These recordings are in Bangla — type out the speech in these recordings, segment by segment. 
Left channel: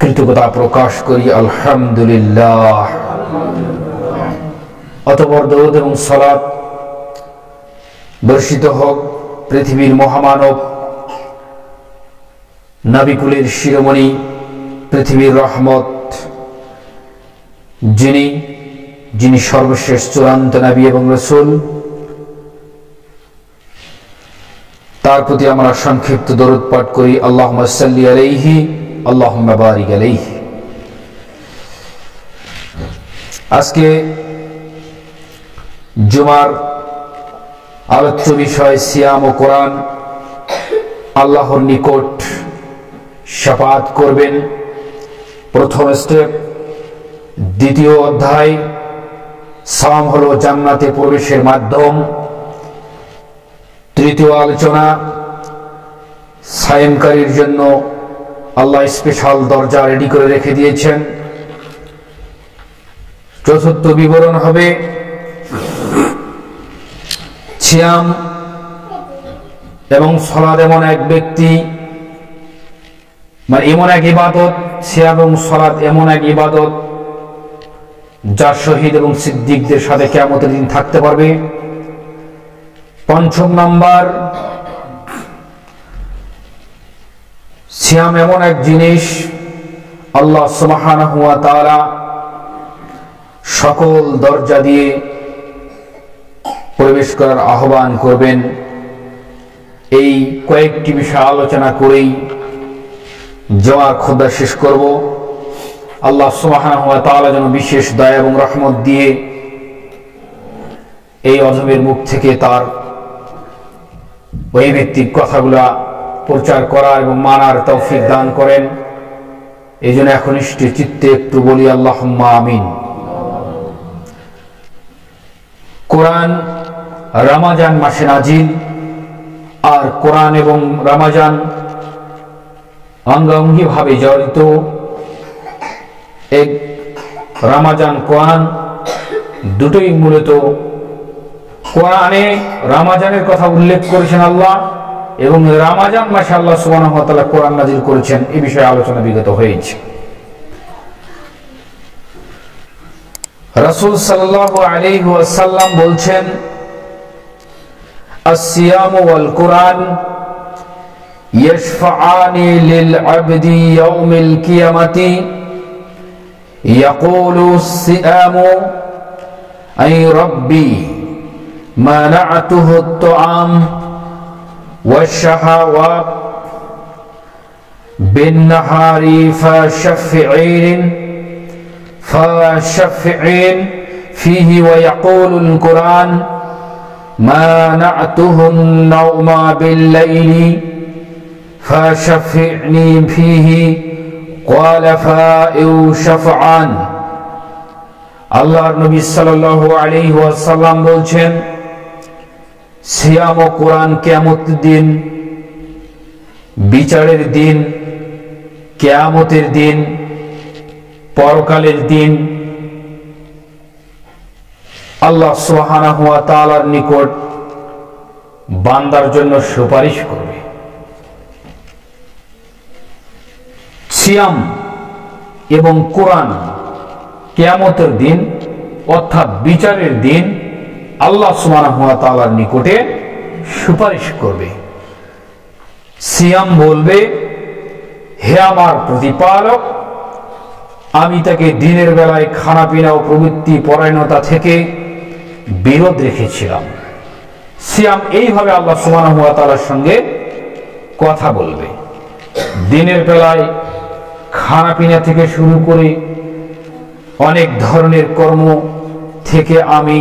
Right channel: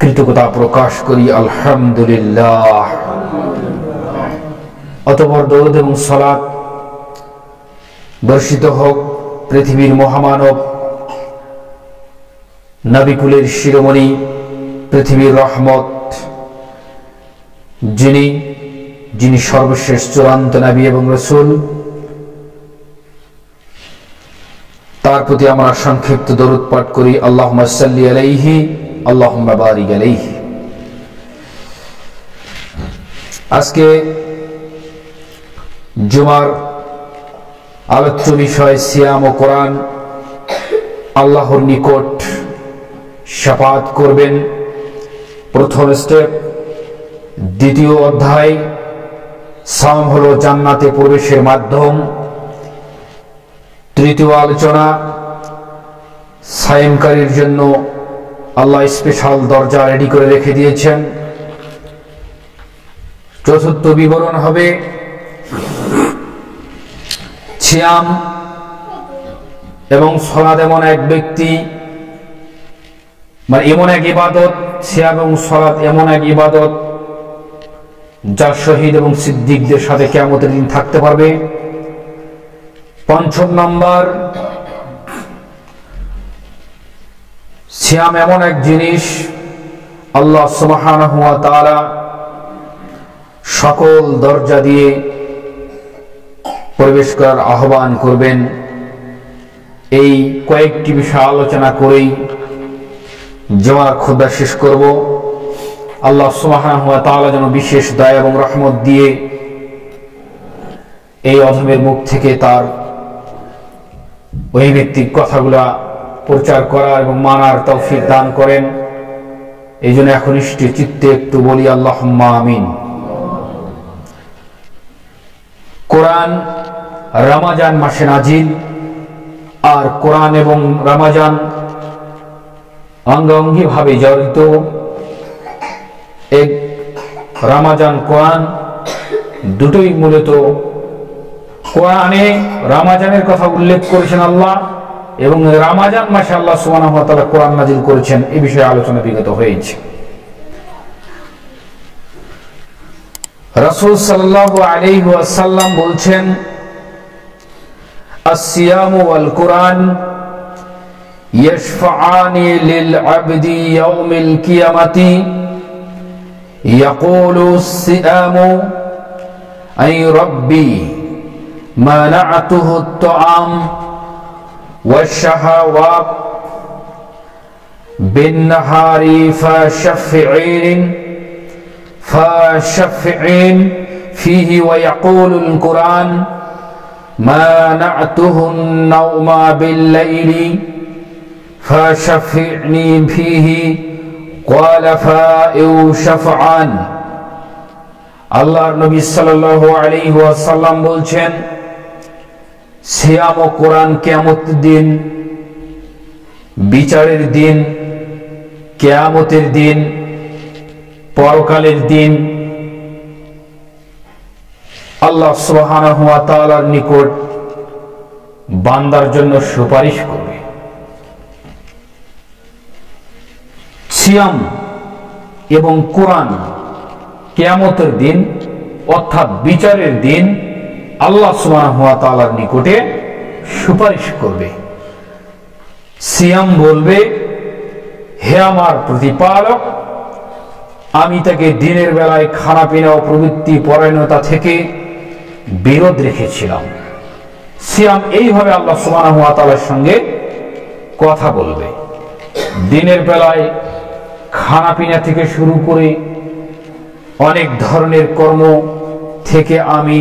কৃতজ্ঞতা প্রকাশ করি আলহামদুলিল্লাহ। অতঃপর দরুদ এবং সালাত বর্ষিত হোক পৃথিবীর মহামানব নবিকুলের শিরোমণি, পৃথিবীর রহমত, যিনি সর্বশেষ চূড়ান্ত নবী এবং রাসূল, তার প্রতি আমরা সংক্ষিপ্ত দরুদ পাঠ করি। আল্লাহুম্মা সাল্লি আলাইহি আল্লাহুম্মা বারিক আলাইহি। আজকে জুমার আলোচ্য বিষয় সিয়াম ও কোরআন। আল্লাহর নিকট শাফাআত করবেন প্রথম স্টেপ। দ্বিতীয় অধ্যায় সাওম হলো জান্নাতে প্রবেশের মাধ্যম। তৃতীয় আলোচনা সায়েমকারীর জন্য আল্লাহ স্পেশাল দরজা রেডি করে রেখে দিয়েছেন। চতুর্থ বিবরণ হবে সিয়াম এবং সালাত এমন এক ব্যক্তি, এমন এক ইবাদত, সিয়াম এবং সালাত এমন এক ইবাদত যা শহীদ এবং সিদ্দিকদের সাথে কিয়ামতের দিন থাকতে পারবে। পঞ্চম নাম্বার, সিয়াম এমন এক জিনিস আল্লাহ সুবহানাহু ওয়া তাআলা সকল দরজা দিয়ে প্রবেশ করার আহ্বান করবেন। এই কয়েকটি বিষয় আলোচনা করেই জুমার খুতবা শেষ করব। আল্লাহ সুবহানাহু ওয়া তাআলা যেন বিশেষ দয়া এবং রহমত দিয়ে এই অধমের মুখ থেকে তার ঐভিত্তিক কথাগুলা প্রচার করা এবং মানার তৌফিক দান করেন। এই জন্য একনিষ্ঠ চিত্তে একটু বলি আল্লাহুম্মা আমিন। কোরআন রমজান মাসে নাজিল, আর কোরআন এবং রমজান অঙ্গাঙ্গি ভাবে জড়িত। এক রমজান কোরআন দুটোই মূলত কোরআনে রমজানের কথা উল্লেখ করেছেন আল্লাহ, এবং রমজান মাসে আল্লাহ সুবহানাহু ওয়া তাআলা কোরআন নাজিল করেছেন। এই বিষয়ে আলোচনা বিগত হয়েছে। রাসূল সাল্লাল্লাহু আলাইহি ওয়াসাল্লাম বলছেন, আসসিয়ামু ওয়াল কোরআন ইয়াশফাআনি লিল আবদি ইয়াউমিল কিয়ামাতি ইয়াকুলু সিয়ামু আই রাব্বি মানা'তুহু আত-তা'আম والشهوات بالنهار فشفعين فيه ويقول القرآن منعته النوم بالليل فشفعني فيه قال فائو شفعان। আল্লাহর নবী সাল্লাল্লাহু আলাইহি ওয়াসাল্লাম বলছেন, সিয়াম ও কোরআন কিয়ামতের দিন, বিচারের দিন, কিয়ামতের দিন, পরকালের দিন আল্লাহ সুবহানাহু ওয়া তাআলার নিকট বান্দার জন্য সুপারিশ করবে। সিয়াম এবং কোরআন কিয়ামতের দিন অর্থাৎ বিচারের দিন আল্লাহ সুবহানাহু ওয়া তাআলার নিকটে সুপারিশ করবে। সিয়াম বলবে, হে আমার প্রতিপালক, আমি তাকে দিনের বেলায় খানা পিনা ও প্রবৃত্তি পরায়ণতা থেকে বিরত রেখেছিলাম। সিয়াম এইভাবে আল্লাহ সুবহানাহু ওয়া তাআলার সঙ্গে কথা বলবে। দিনের বেলায় খানা পিনা থেকে শুরু করে অনেক ধরনের কর্ম থেকে আমি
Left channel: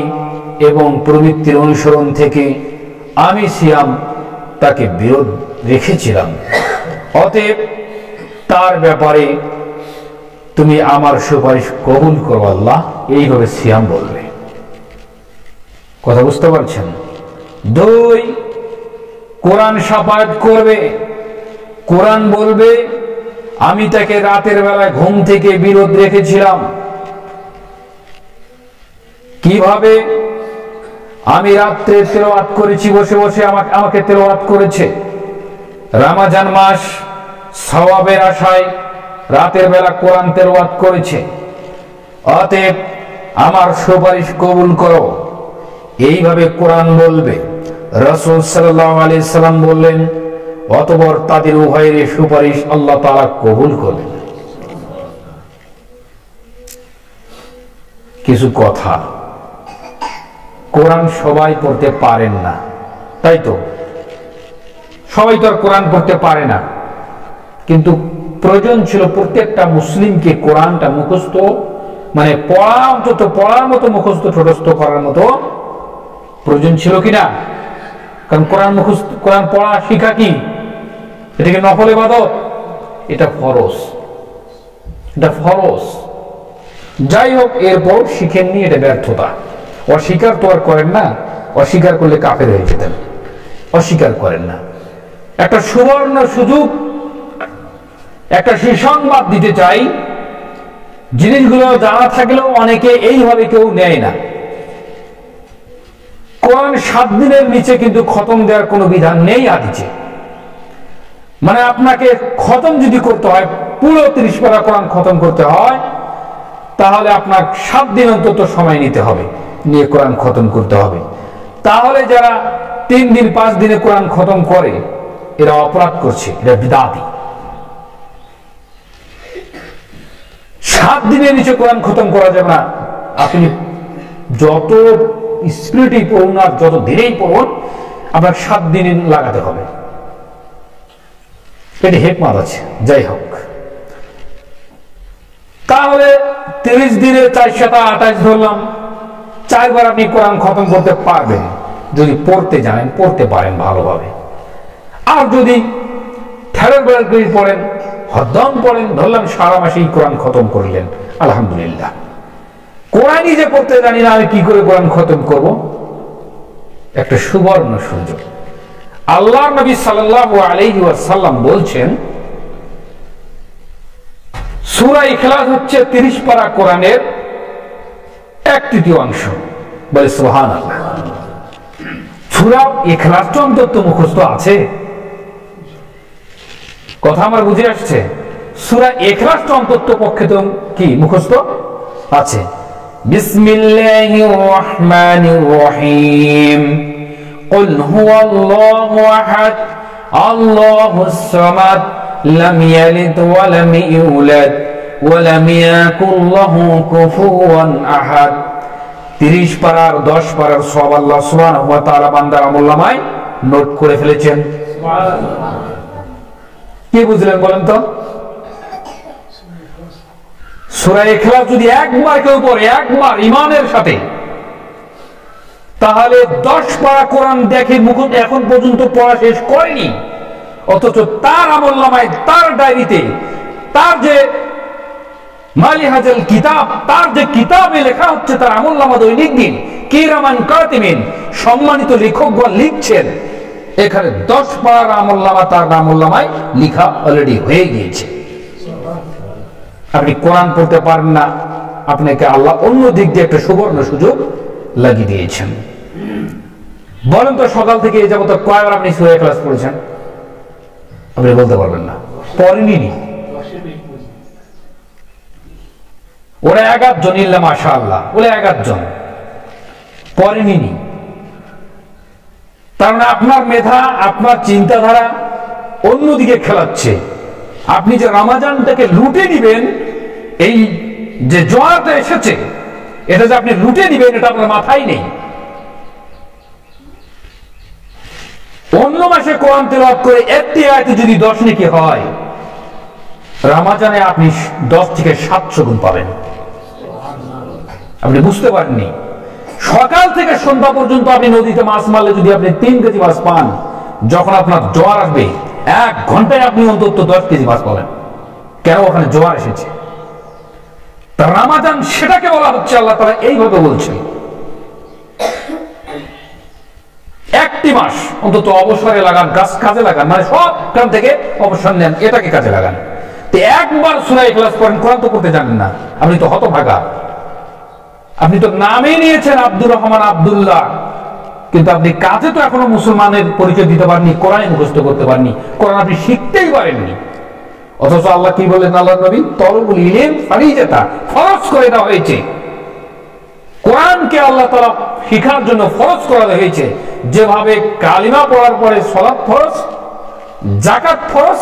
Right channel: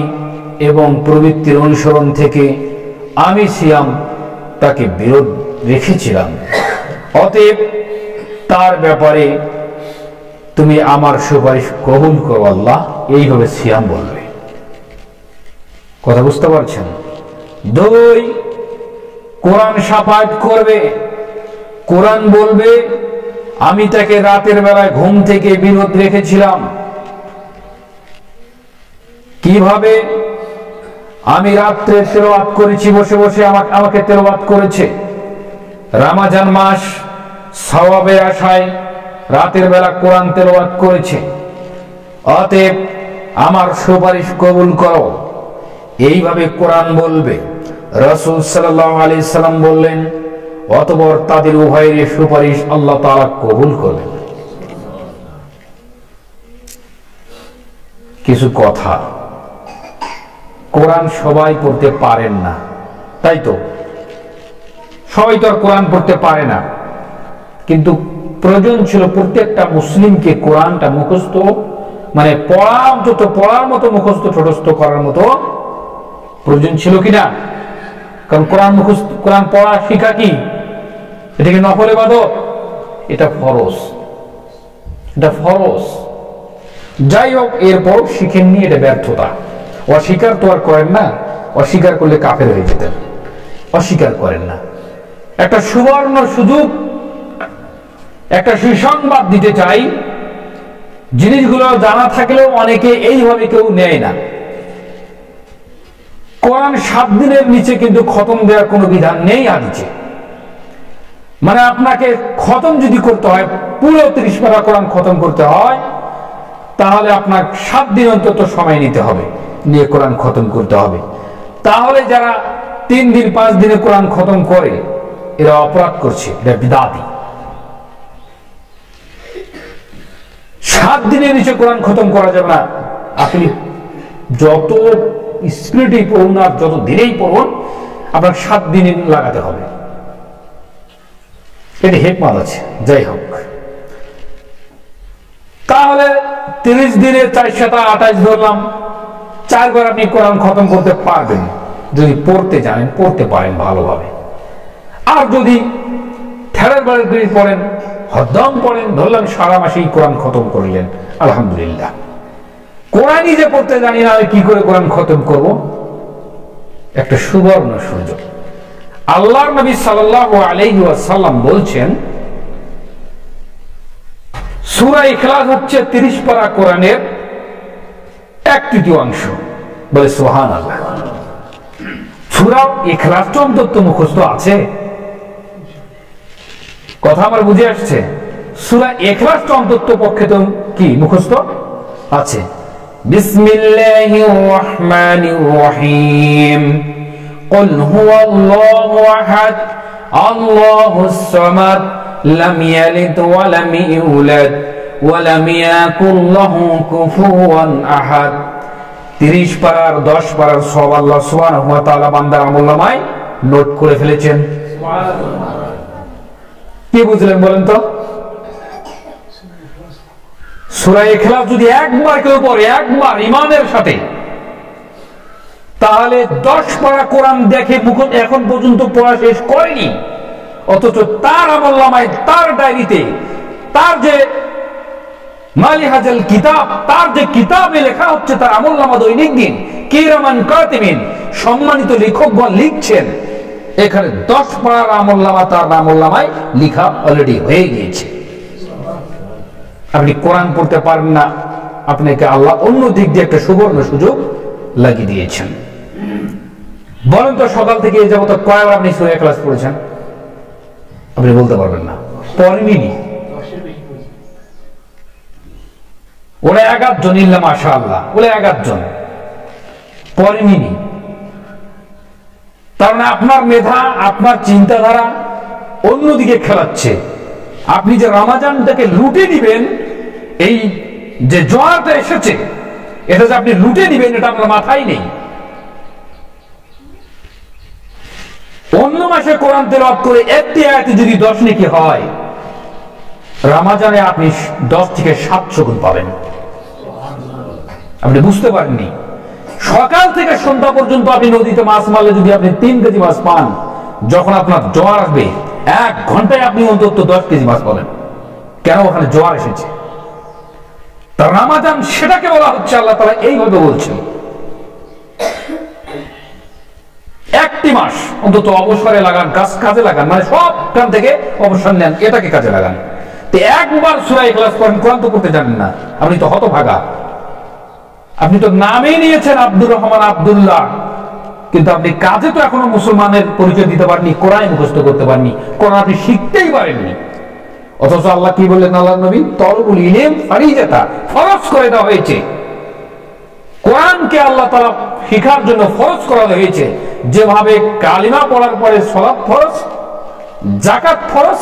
এবং প্রবৃত্তির অনুসরণ থেকে আমি সিয়াম তাকে বিরত রেখেছিলাম। অতএব তার ব্যাপারে তুমি আমার সুপারিশ কবুল করো আল্লাহ। এইভাবে সিয়াম বলবে। কথা বুঝতে পারছেন? দুই, কোরআন শাফাআত করবে। কোরআন বলবে, আমি তাকে রাতের বেলায় ঘুম থেকে বিরত রেখেছিলাম। কিভাবে? আমি রাত্রে তেলাওয়াত করেছি, বসে বসে আমাকে তেলাওয়াত করেছে। রমজান মাস সওয়াবের আশায় রাতের বেলা কোরআন তেলাওয়াত করেছে, অতএব আমার সুপারিশ কবুল করো, এইভাবে কোরআন বলবে। রাসূল সাল্লাল্লাহু আলাইহি সাল্লাম বললেন, অতঃপর তাদের উভয়ের সুপারিশ আল্লাহ তাআলা কবুল করবেন। কিছু কথা, কোরআন সবাই পড়তে পারেন না, তাই তো? সবাই তো আর কোরআন পড়তে পারে না, কিন্তু প্রয়োজন ছিল প্রত্যেকটা মুসলিমকে কোরআনটা মুখস্থ, মানে পড়ার মতো মুখস্থ ঠোঁটস্থ করার মতো প্রয়োজন ছিল কিনা? কারণ কোরআন পড়া শিখা কি এটাকে নফল ইবাদত? এটা ফরজ, এটা ফরজ। যাই হোক, এরপর শিখেননি, এটা ব্যর্থতা। অস্বীকার তো আর করেন না, অস্বীকার করলে কাফের হয়ে যেতেন, অস্বীকার করেন না। একটা সুবর্ণ সুযোগ, একটা সুসংবাদ দিতে চাই। জিনিসগুলো জানা থাকলেও অনেকে এইভাবে কেউ নেয় না। কোরআন 7 দিনের নিচে কিন্তু খতম দেওয়ার কোনো বিধান নেই হাদিসে। মানে আপনাকে খতম যদি করতে হয়, পুরো 30 পারা কোরআন খতম করতে হয়, তাহলে আপনার 7 দিন অন্তত সময় নিতে হবে, নিয়ে কোরআন খতম করতে হবে। তাহলে যারা 3 দিন 5 দিনে কোরআন খতম করে, এরা অপরাধ করছে, এরা বিদাতি। 7 দিনের নিচে কোরআন খতম করা যাবে না। আপনি যত স্পিরিটেই পড়ুন আর যত দিনেই পড়ুন, আপনার 7 দিনে লাগাতে হবে। এটা হিকমত আছে। যাই হোক, তাহলে 30 দিনে 428 ধরলাম, 4 বার আপনি কোরআন খতম করতে পারবেন যদি পড়তে জানেন, পড়তে পারেন ভালোভাবে। আর যদি ঠেলার বেড়ার করে পড়েন, হদ্দম পড়েন, ধরলাম সারা মাসেই কোরআন খতম করলেন, আলহামদুলিল্লাহ। কোরআনই যে পড়তে জানি না, আমি কি করে কোরআন খতম করব? একটা সুবর্ণ সুযোগ। আল্লাহর নবী সাল্লাল্লাহু আলাইহি ওয়াসাল্লাম বলছেন, সূরা ইখলাস হচ্ছে 30 পারা কোরআনের 1/3 বলে সুবহানাল্লাহ। সূরা ইখলাস তো অন্তত মুখস্থ আছে, কথা আমার বুঝে আসছে? সূরা ইখলাস তো অন্তত পক্ষে তো কি মুখস্থ আছে। বিসমিল্লাহির রহমানির রহিম, কুল হুয়াল্লাহু আহাদ আল্লাহুস সামাদ লাম ইয়ালিদ ওয়া লাম ইউলাদ ওয়া লাম ইয়াকুল লাহু কুফুয়ান আহাদ। 30 পারার 10 পারার সব আল্লাহ সুবহানাহু ওয়া তাআলা বান্দার আমলনামায় নোট করে ফেলেছেন। সুবহানাল্লাহ। কি বুঝলেন বলেন তো? সূরা ইখলাস যদি একবার কেউ পড়ে, একবার ঈমানের সাথে, তাহলে 10 পারা কোরআন দেখে এখন পর্যন্ত পড়া শেষ করেনি, অথচ তার আমলনামায়, তার ডায়েরিতে, তার যে মালিহাজুল কিতাব, তার যে কিতাবে লেখা হচ্ছে, তার আমলনামা দৈনিক দিন কিরামান কাতিমিন, সম্মানিত লেখকগণ লিখছেন, এখানে 10 পারার আমলনামা তার আমলনামায় লেখা অলরেডি হয়ে গিয়েছে। আপনি কোরআন পড়তে পারেন না, আপনাকে আল্লাহ অন্য দিক দিয়ে একটা সুবর্ণ সুযোগ লাগিয়ে দিয়েছেন। বলেন তো, সকাল থেকে এই যাবত কয়বার আপনি সূরা ইখলাস পড়েছেন? আপনি বলতে পারবেন না, পড়েননি। ওরা 11 জন, ইল্লা মাশাআল্লাহ, ওরা 11 জন পড়েননি। তার মানে আপনার মেধা, আপনার চিন্তাধারা অন্যদিকে খেলাচ্ছে। আপনি যে রমজানটাকে লুটে নিবেন, এই যে জোয়ারটা এসেছে, এটা যে আপনি লুটে নিবেন, এটা আপনার মাথায় নেই। অন্য মাসে কোরআন তেলাওয়াত করে একটি আয়াতে যদি 10 নেকি হয়, রমজানে আপনি 10 থেকে 700 গুণ পাবেন। আপনি বুঝতে পারেননি। সকাল থেকে সন্ধ্যা পর্যন্ত আপনি নদীতে মাছ মারলে যদি আপনি 3 কেজি মাছ পান, যখন আপনার জোয়ার আসবে 1 ঘন্টায় আপনি অন্তত 10 কেজি মাছ পাবেন। কেন? ওখানে জোয়ার এসেছে। তার রমজান সেটাকে বলা হচ্ছে, আল্লাহ তাআলা এইভাবে বলছেন, একটি মাস অন্তত অবসরে লাগান, কাজে লাগান, মানে সব কাম থেকে অবসর নেন, এটাকে কাজে লাগান। তো একবার সূরা ইখলাস পড়েন, কোরআন তো পড়তে জানেন না, আপনি তো হতভাগা। আপনি তো নামে নিয়েছেন আব্দুর রহমান, আব্দুল্লাহ, কিন্তু আপনি কাজে তো এখনো মুসলমানের পরিচয় দিতে পারেননি, কোরআন মুখস্থ করতে পারেননি, কোরআন আপনি শিখতেই পারেননি। অথচ আল্লাহ কি বললেন আল্লাহর নবী? তলবুল ইলম ফারিজাতা, ফরজ করে দেওয়া হয়েছে। কোরআনকে আল্লাহ তাআলা শিখার জন্য ফরজ করা হয়েছে। যেভাবে কালিমা পড়ার পরে সালাত ফরজ, যাকাত ফরজ,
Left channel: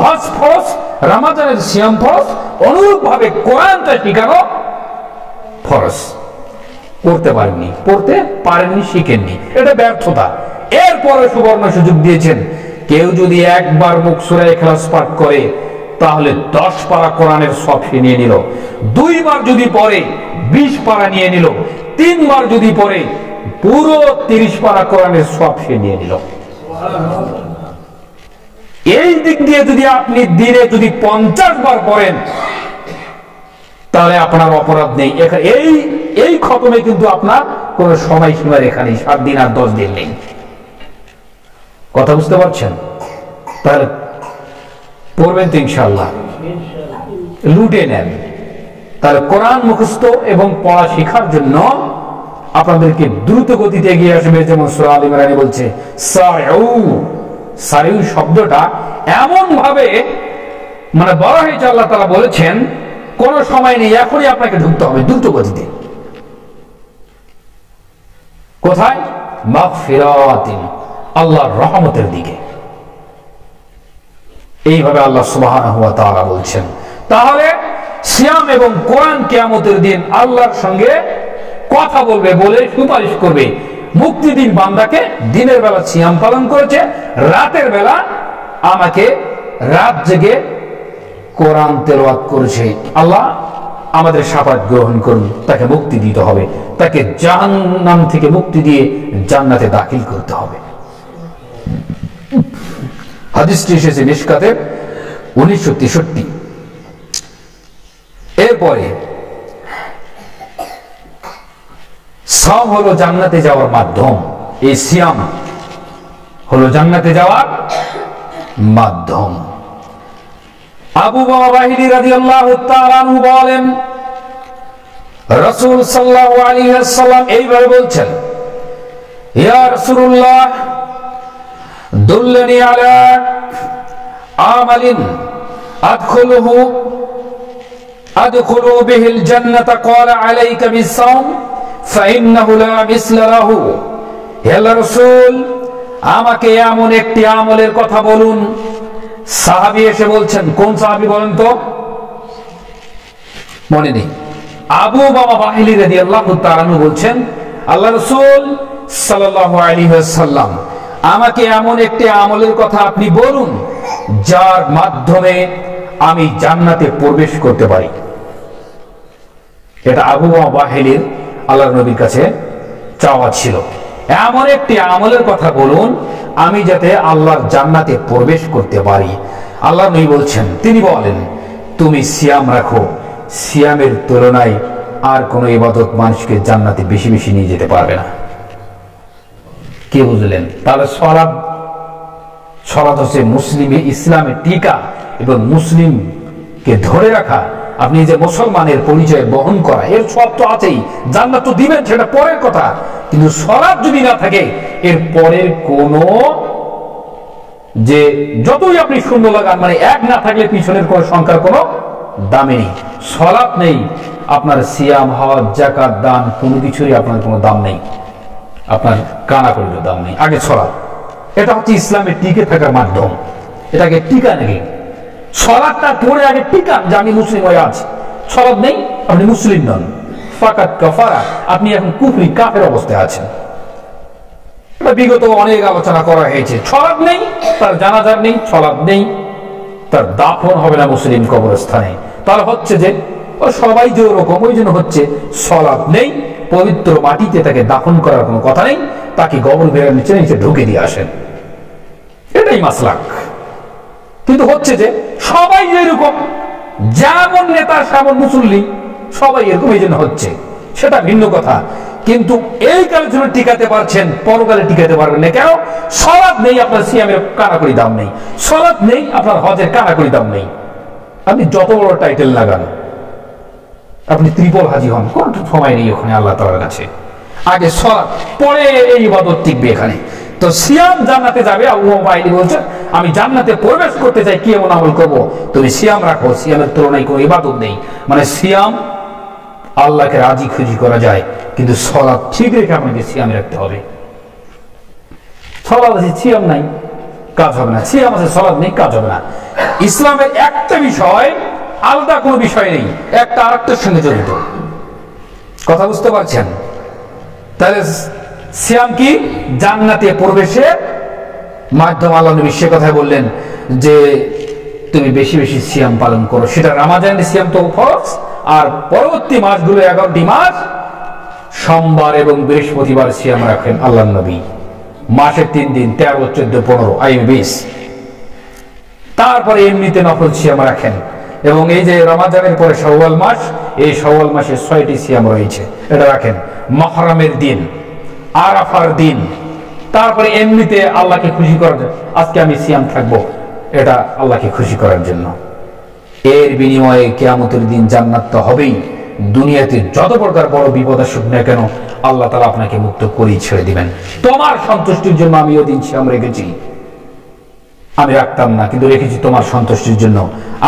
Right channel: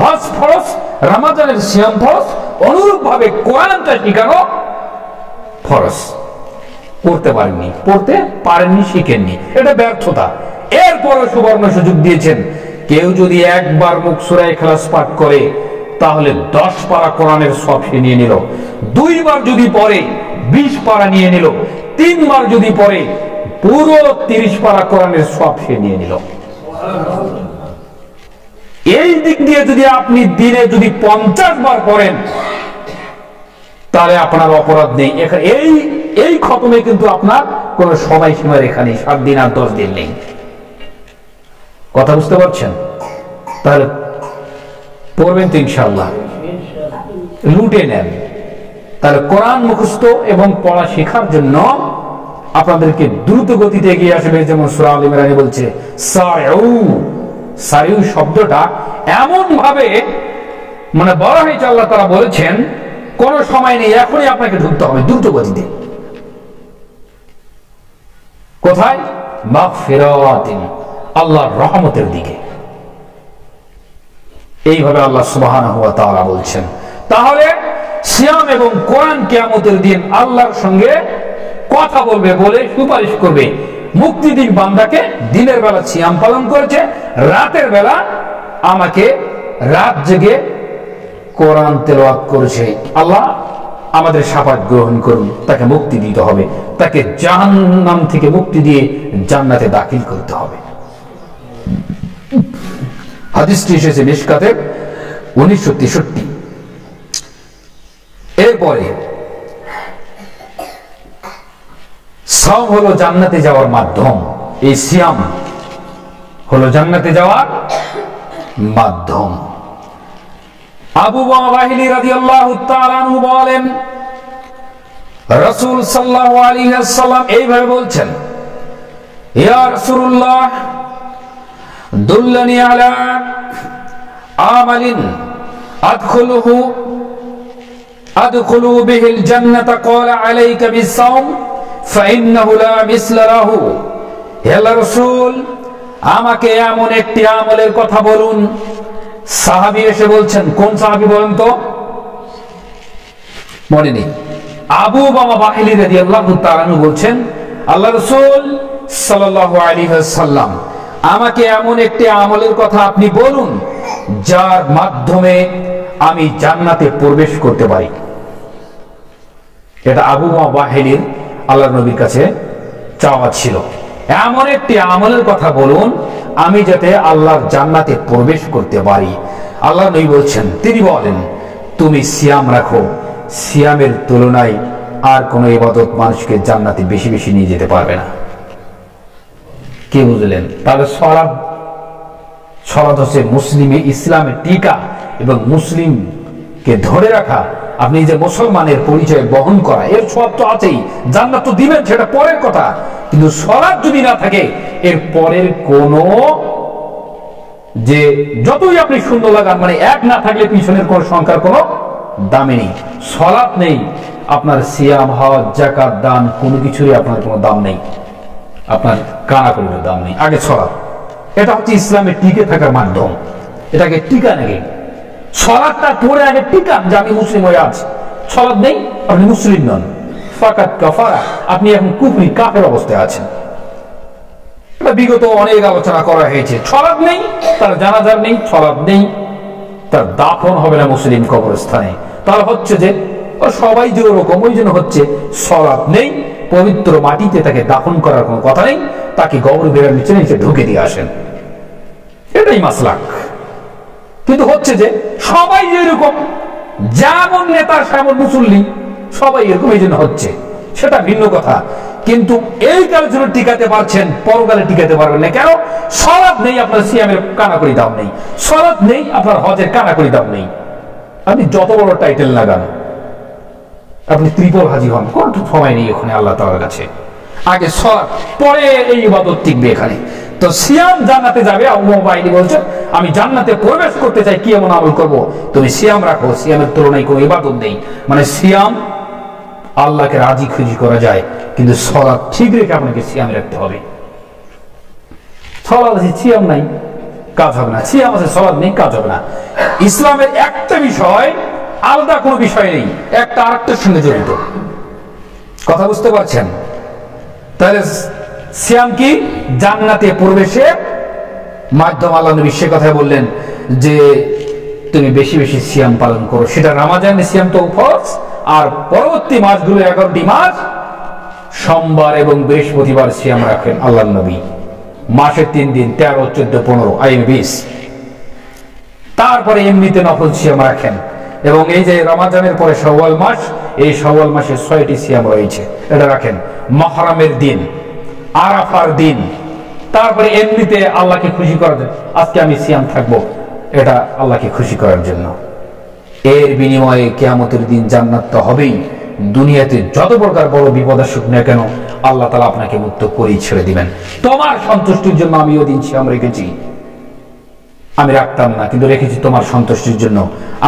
হজ ফরজ, রমজানের সিয়াম ফরজ, অনুরূপভাবে কোরআনটা শিখানো ফরজ। করতে পারেননি, পড়তে পারেননি, শিখেননি, এটা ব্যর্থতা। এরপরে সুবর্ণ সুযোগ দিয়েছেন, কেউ যদি একবার মুখ সূরা ইখলাস পাঠ করে তাহলে 10 পারা কোরআনের সব সে নিয়ে নিল। 2 বার যদি পড়ে 20 পারা নিয়ে নিল। 3 বার যদি পড়ে পুরো 30 পারা কোরআনের সব সে নিয়ে নিল। এই দিক দিয়ে যদি আপনি দিনে যদি 50 বার পড়েন তাহলে আপনার অপরাধ নেই। এই খতমে কিন্তু আপনার কোন সময়সীমা রেখা নেই, 7 দিন আর 10 দিন নেই। কথা বুঝতে পারছেন? তাহলে পড়বেন তো ইনশাআল্লাহ, লুটে নেন। তাহলে কোরআন মুখস্থ এবং পড়া শেখার জন্য আপনাদেরকে দ্রুত গতিতে এগিয়ে আসবে। যেমন সূরা আল ইমরানে বলছে সারিউ, সারিউ শব্দটা এমন ভাবে মানে বলা হয়েছে, আল্লাহ তাআলা বলেছেন কোন সময় নেই, এখনই আপনাকে ঢুকতে হবে দ্রুত গতিতে। কোথায়? মাগফিরাতিন, আল্লাহর রহমতের দিকে। এইভাবে আল্লাহ সুবহানাহু ওয়া তাআলা বলছেন। তাহলে সিয়াম এবং কোরআন কিয়ামতের দিন আল্লাহর সঙ্গে কথা বলবে, বলে সুপারিশ করবে। মুক্তি দিন বান্দাকে, দিনের বেলা সিয়াম পালন করেছে, রাতের বেলা আমাকে রাত জেগে কোরআন তেলাওয়াত করেছে, আল্লাহ আমাদের শাফাত গ্রহণ করুন। তাকে মুক্তি দিতে হবে, তাকে জাহান্নাম থেকে মুক্তি দিয়ে জান্নাতে দাখিল করতে হবে। হাদিসটি এসেছে মিশকাতের 1963। এরপরে সাওম হলো জান্নাতে যাওয়ার মাধ্যম। এই সিয়াম হলো জান্নাতে যাওয়ার মাধ্যম। আবু বাহিলি রাদিয়াল্লাহু তাআলা আনহু বলেন, রাসূল সাল্লাল্লাহু আলাইহি ওয়াসাল্লাম এইভাবে বলছেন, ইয়া রাসূলুল্লাহ দুল্লানি আলা আমালিন আদখুলু বিহিল জান্নাতা ক্বালা আলাইকা বিস-সাওম ফাইন্নাহু লা মিসলা লাহু। হে আল্লাহর রাসূল, আমাকে এমন একটি আমলের কথা বলুন। সাহাবী এসে বলছেন, কোন সাহাবী বলেন তো? মনে নেই। আবু বাহিলি রাদিয়াল্লাহু তাআলা আনহু বলছেন, আল্লাহর রাসূল সাল্লাল্লাহু আলাইহি ওয়াসাল্লাম, আমাকে এমন একটি আমলের কথা আপনি বলুন যার মাধ্যমে আমি জান্নাতে প্রবেশ করতে পারি। এটা আবু বাহিলির আল্লাহর নবীর কাছে চাওয়া ছিল, এমন একটি আমলের কথা বলুন আমি যাতে আল্লাহর জান্নাতে প্রবেশ করতে পারি। আল্লাহর নবী বলছেন, তিনি বলেন, তুমি সিয়াম রাখো, সিয়ামের তুলনায় আর কোন ইবাদত মানুষকে জান্নাতে বেশি বেশি নিয়ে যেতে পারবে না। কে বুঝলেন? তাহলে সালাত হচ্ছে ইসলামের টিকা এবং মুসলিমকে ধরে রাখা, আপনি যে মুসলমানের পরিচয় বহন করা, এর সব তো আছেই, জান্নাত তো দিবেন, সেটা পরের কথা। কিন্তু সালাত যদি না থাকে, এর পরের কোন যে যতই আপনি শূন্য লাগান, মানে এক না থাকলে পিছনের কোন সংখ্যার কোনো দামে নেই। সালাত নেই, আপনার সিয়াম, হজ, যাকাত, দান কোনো কিছুরই আপনার কোনো দাম নেই, আপনার কানাকড়িরও দাম নেই। আগে সালাত, এটা হচ্ছে ইসলামের টিকে থাকার মাধ্যম। এটাকে টিকা নাকি? সালাতটা পড়ে আগে টিকান যে আমি মুসলিম হয়ে আছি। সালাত নেই, আপনি মুসলিম নন, ফাকাত কাফারা, আপনি এখন কুফরি কাফের অবস্থায় আছেন। এটা বিগত অনেক আলোচনা করা হয়েছে। সালাত নেই, তার জানাজার নেই, সালাত নেই, তার দাফন হবে না মুসলিম কবরস্থানে। তাহলে হচ্ছে যে ও সবাই যে ওরকম, ওই জন্য হচ্ছে সালাত নেই, পবিত্র মাটিতে তাকে দাফন করার কোনো কথা নেই, তাকে কবর বেড়ার নিচে নিচে ঢুকে দিয়ে আসেন, এটাই মাসলাক। কিন্তু হচ্ছে যে সবাই যেরকম, যেমন নেতা সেমন মুসল্লি, সবাই এরকম, এই জন্য হচ্ছে, সেটা ভিন্ন কথা। কিন্তু এই কালের জন্য টিকাতে পারছেন, পরকালে টিকাতে পারবেন না। কেন? সালাত নেই, আপনার সিয়ামের কানাকড়ি দাম নেই, সালাত নেই, আপনার হজের কানাকড়ি দাম নেই। আপনি যত বড় টাইটেল লাগান, আপনি ত্রিপল হাজি হন, কোন সময় নেই ওখানে আল্লাহ তাআলার কাছে। আগে সালাত, পরে এই ইবাদত টিকবে এখানে। তো সিয়াম জান্নাতে যাবে। আবু বাইলি বলছেন আমি জান্নাতে প্রবেশ করতে চাই, কি এমন আমল করব? তুমি সিয়াম রাখো, সিয়ামের তুলনায় কোনো ইবাদত নেই। মানে সিয়াম আল্লাহকে রাজি খুশি করা যায়, কিন্তু সালাত ঠিক রেখে আপনাকে সিয়াম রাখতে হবে। সালাত আছে সিয়াম নাই, কাজ হবে না। সিয়াম আছে সালাত নেই, কাজ হবে না। ইসলামের একটা বিষয় আলাদা কোনো বিষয় নেই, একটা আরেকটার সঙ্গে জড়িত। কথা বুঝতে পারছেন? তাহলে সিয়াম কি? জান্নাতে প্রবেশের মাধ্যম। আল্লাহ নবী সে কথাই বললেন যে তুমি বেশি বেশি সিয়াম পালন করো। সেটা রমাজানের সিয়াম তো ফরজ, আর পরবর্তী মাসগুলো 11টি মাস সোমবার এবং বৃহস্পতিবার সিয়াম রাখেন আল্লাহ নবী। মাসে 3 দিন, 13, 14, 15, 20। তারপরে এমনিতে নফল সিয়াম রাখেন। এবং এই যে রমাজানের পরে শাওয়াল মাস, এই শাওয়াল মাসে 6টি সিয়াম রয়েছে, এটা রাখেন। মুহররমের দিন, আরাফার দিন, তারপরে এমনিতে আল্লাহকে খুশি করার জন্য আজকে আমি সিয়াম থাকবো, এটা আল্লাহকে খুশি করার জন্য। এর বিনিময়ে কিয়ামতের দিন জান্নাত তো হবেই। দুনিয়াতে যত প্রকার বড় বিপদ আসুক না কেন, আল্লাহ তাআলা আপনাকে মুক্ত করেই ছেড়ে দিবেন। তোমার সন্তুষ্টির জন্য আমি ওই দিন সিয়াম রেখেছি, আমি রাখতাম না, কিন্তু রেখেছি তোমার সন্তুষ্টির জন্য।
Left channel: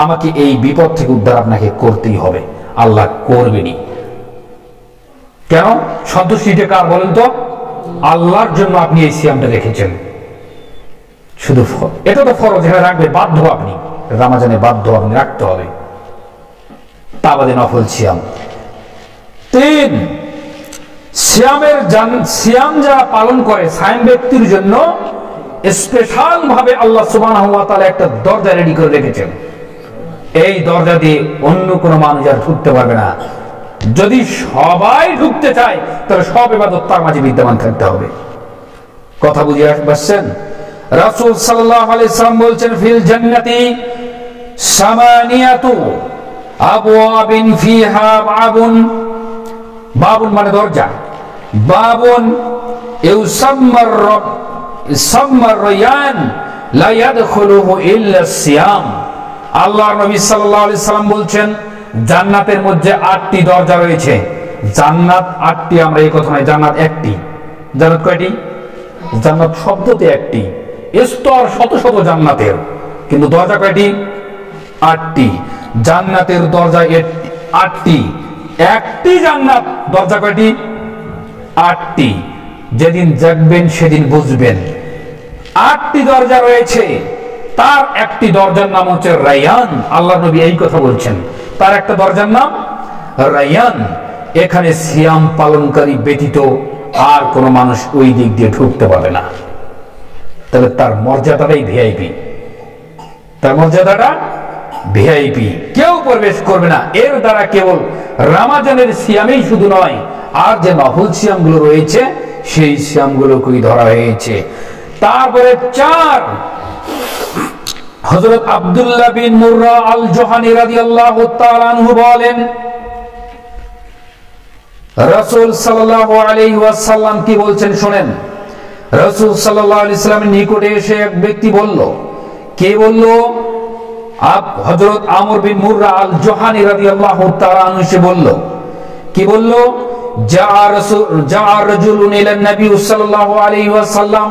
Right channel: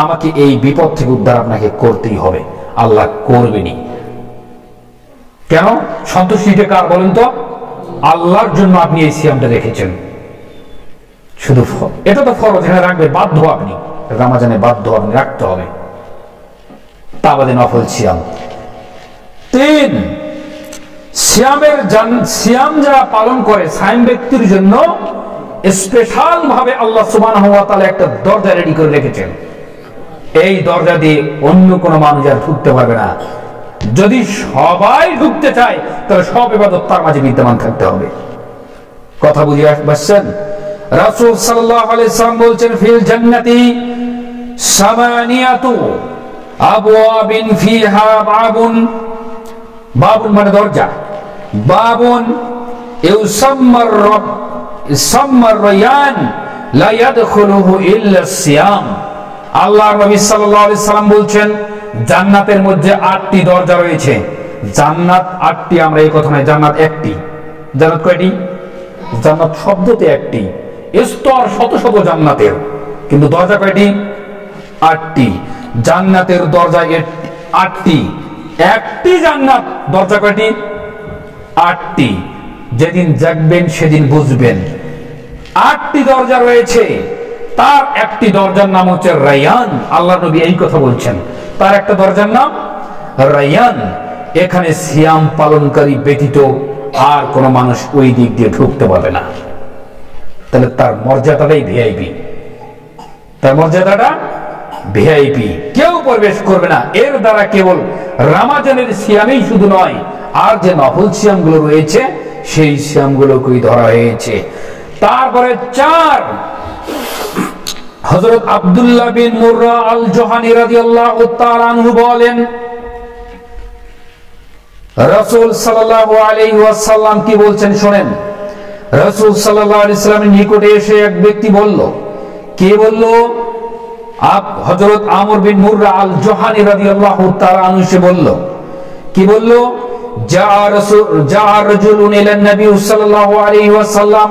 আমাকে এই বিপদ থেকে উদ্ধার আপনাকে করতেই হবে, আল্লাহ করবেনি। কেন? সন্তুষ্টিটা কার বলেন তো? আল্লাহর জন্য আপনি এই সিয়ামটা রেখেছেন। শুধু এটা তো ফরজ, এখানে রাখবে বাধ্য, আপনি রমজানে বাধ্য, আপনি রাখতে হবে। তা বাদে নফল সিয়াম। 3, সিয়াম যারা পালন করে, সায়েম ব্যক্তির জন্য স্পেশাল ভাবে আল্লাহ সুবহানাহু ওয়া তাআলা একটা দরজা রেডি করে রেখেছেন। এই দরজা দিয়ে অন্য কোনো মানুষ আর ঢুকতে পারবে না। যদি সবাই ঢুকতে চায় তাহলে সব ইবাদত তার মাঝে বিদ্যমান থাকতে হবে। কথা বুঝে আসছেন? রাসূল সাল্লাল্লাহু আলাইহি সাল্লাম বলছেন ফিল জান্নাতি সামানিয়াতু আবওয়াবিন ফিহা বাবুন। বাবুন মানে দরজা। বাবুন ইউসাম্মার রব সাম্মার রায়ান লা ইয়াদখুলুহু ইল্লা সিয়াম। আল্লাহর নবী সাল্লাল্লাহু আলাইহি সাল্লাম বলছেন জান্নাতের মধ্যে 8টি দরজা রয়েছে। জান্নাত 8টি, আমরা এই কথা নয়, জান্নাত 1টি। জান্নাত কয়টি? জান্নাত শব্দতে 1টি, স্তর শত শত জান্নাতের, কিন্তু দরজা কয়টি? 8টি। জান্নাতের দরজা 8টি। একটি জান্নাত, দরজা কয়টি? 8টি। যেদিন জাগবেন সেদিন বুঝবেন 8টি দরজা রয়েছে। তার একটি দরজার নাম হচ্ছে রায়ান। আল্লাহ নবী এই কথা বলছেন, তার একটা দরজার নাম রায়ান। এখানে সিয়াম পালনকারী ব্যতীত আর কোন মানুষ ওই দিক দিয়ে ঢুকতে পারবে না। তাহলে তার মর্যাদাটাই ভিআইপি, তার মর্যাদাটা ভিআইপি, কেউ প্রবেশ করবে না। এর দ্বারা কেবল রমজানের সিয়ামেই শুধু নয়, আর যে নফল সিয়ামগুলো রয়েছে সেই সিয়ামগুলোকেই ধরা হয়েছে। তারপরে 4, হযরত আব্দুল্লাহ বিন মুররা আল জোহানি রাদিয়াল্লাহু তাআলা আনহু বলেন রাসূল সাল্লাল্লাহু আলাইহি ওয়াসাল্লাম কি বলছেন শুনেন। রাসূল সাল্লাল্লাহু আলাইহি ওয়াসাল্লামের নিকটে এসে এক ব্যক্তি বলল। কে বলল? হযরত আমর বিন মুররা আল জোহানি রাদিয়াল্লাহু তাআলা আনহু এসে বলল। কি বলল? জাআ রাজুলুন ইলা নবী সাল্লাল্লাহু আলাইহি ওয়াসাল্লাম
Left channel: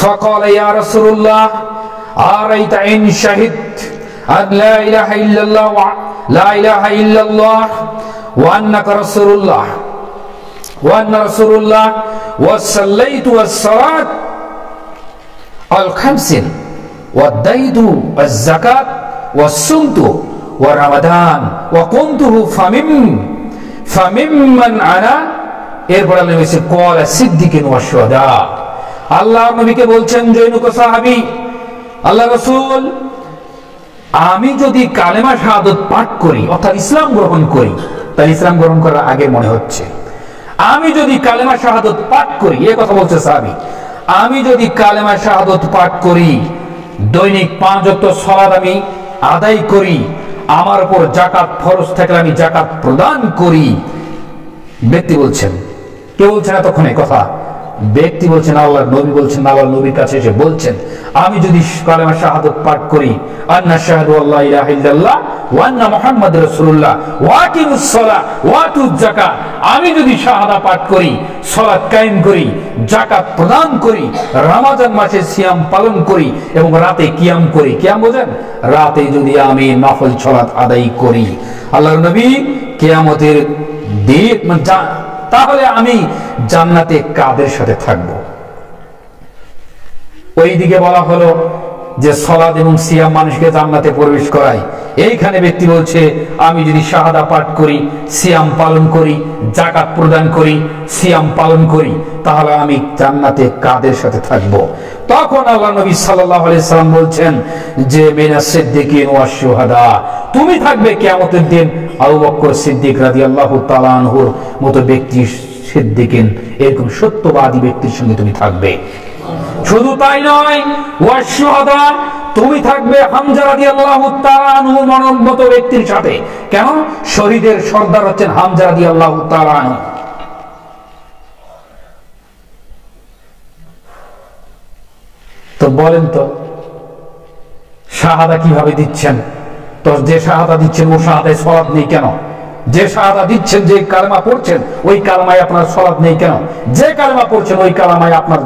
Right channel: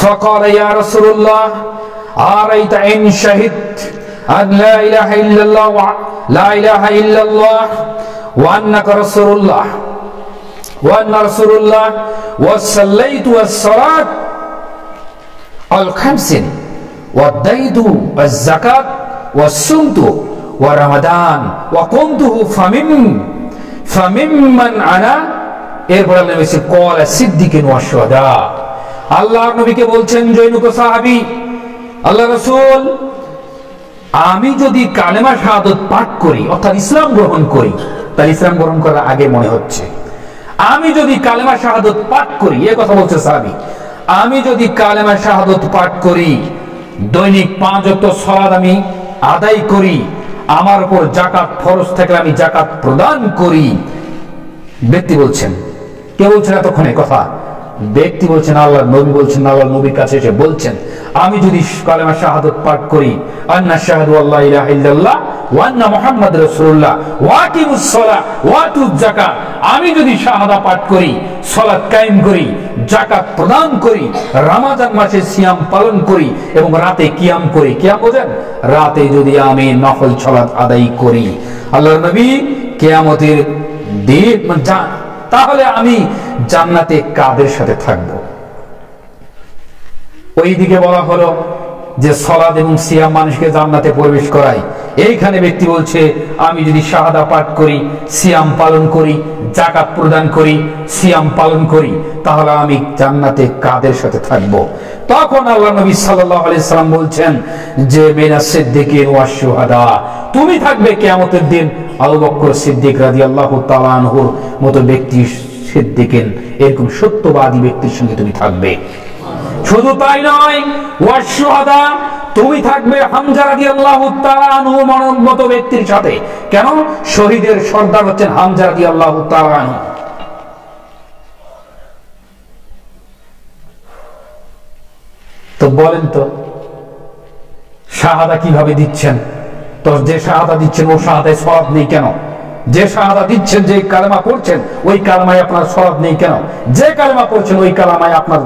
ফাকাল ইয়া রাসূলুল্লাহ আরাইতা ইন শাহিদ আন লা ইলাহা ইল্লাল্লাহ লা ইলাহা ইল্লাল্লাহ ওয়া আন্নাকা রাসূলুল্লাহ ওয়া আন্না রাসূলুল্লাহ ওয়া সাল্লাইতু আস-সালাত আল-খামসিন ওয়া দাইতু আজ-যাকাত ওয়া সুমতু ওয়া রমাদান ওয়া কুনতুহু ফামিম্মান আনা। এরপর আল্লাহ নবী বলেছেন ক্বালা সিদ্দিকিন ওয়া শুহাদা। আল্লাহর নবীকে বলছেন জৈনুক সাহাবী, আল্লাহ রাসূল, আমি যদি কালেমা শাহাদাত পাঠ করি অর্থাৎ ইসলাম গ্রহণ করি, তাহলে ইসলাম গ্রহণ করার আগে মনে হচ্ছে আমি যদি কালেমা শাহাদাত পাঠ করি, এই কথা বলছে সাহাবী, আমি যদি কালেমা শাহাদাত পাঠ করি, দৈনিক 5 ওয়াক্ত সালাত আমি আদায় করি, আমার উপর যাকাত ফরজ থাকলে আমি যাকাত প্রদান করি। ব্যক্তি বলছেন, কে বলছেন এতক্ষণে কথা? ব্যক্তি বলছেন, আল্লাহ নবী বলছেন, আল্লাহ নবীর কাছে এসে বলছেন, আমি যদি কালেমা শাহাদাত পাঠ করি, আন্না শাহাদু আল্লা ইলাহা ইল্লাল্লাহ ওয়া আন্না মুহাম্মাদুর রাসূলুল্লাহ ওয়া আকিমুস সালাহ ওয়া আতুজ যাকাত, আমি যদি শাহাদা পাঠ করি, সালাত কায়েম করি, যাকাত প্রদান করি, রমজান মাসে সিয়াম পালন করি এবং রাতে কিয়াম করি, কিয়াম বোঝেন, রাতে যদি আমি নফল সালাত আদায় করি, আল্লাহর নবী কিয়ামতের দিন তাহলে আমি জান্নাতে কাদের সাথে থাকব? ওইদিকে বলা হলো যে সালাত এবং সিয়াম মানুষকে জান্নাতে প্রবেশ করায়। এইখানে ব্যক্তি বলছে, আমি যদি শাহাদা পাঠ করি, সিয়াম পালন করি, যাকাত প্রদান করি, সিয়াম পালন করি, তাহলে আমি জান্নাতে কাদের সাথে থাকব? তখন আল্লাহ নবী সাল্লাল্লাহু আলাইহি সাল্লাম বলছেন যে মিনাস সিদ্দিকিন ওয়াশ শুহাদা, তুমি থাকবে কিয়ামতের দিন আবু বকর সিদ্দিক রাদিয়াল্লাহু তাআলা আনহুর মতো ব্যক্তি, সিদ্দিকিন এরকম সত্যবাদী ব্যক্তির সঙ্গে তুমি থাকবে। শুধু তাই নয়, ওয়াশ শুহাদা, তুমি থাকবে হামজা রাদিয়াল্লাহু তাআলা আনহুর মতো ব্যক্তির সাথে। কেন? শহীদের সর্দার হচ্ছেন হামজা রাদিয়াল্লাহু তাআলা আনহু। তো বলেন তো শাহাদা কিভাবে দিচ্ছেন? তো যে শাহাদা দিচ্ছেন ও শাহাদায় সালাত নেই কেন? যে শাহাদা দিচ্ছেন, যে কালেমা পড়ছেন, ওই কালেমায় আপনার সালাত নেই কেন? যে কালেমা পড়ছেন ওই কালেমায় আপনার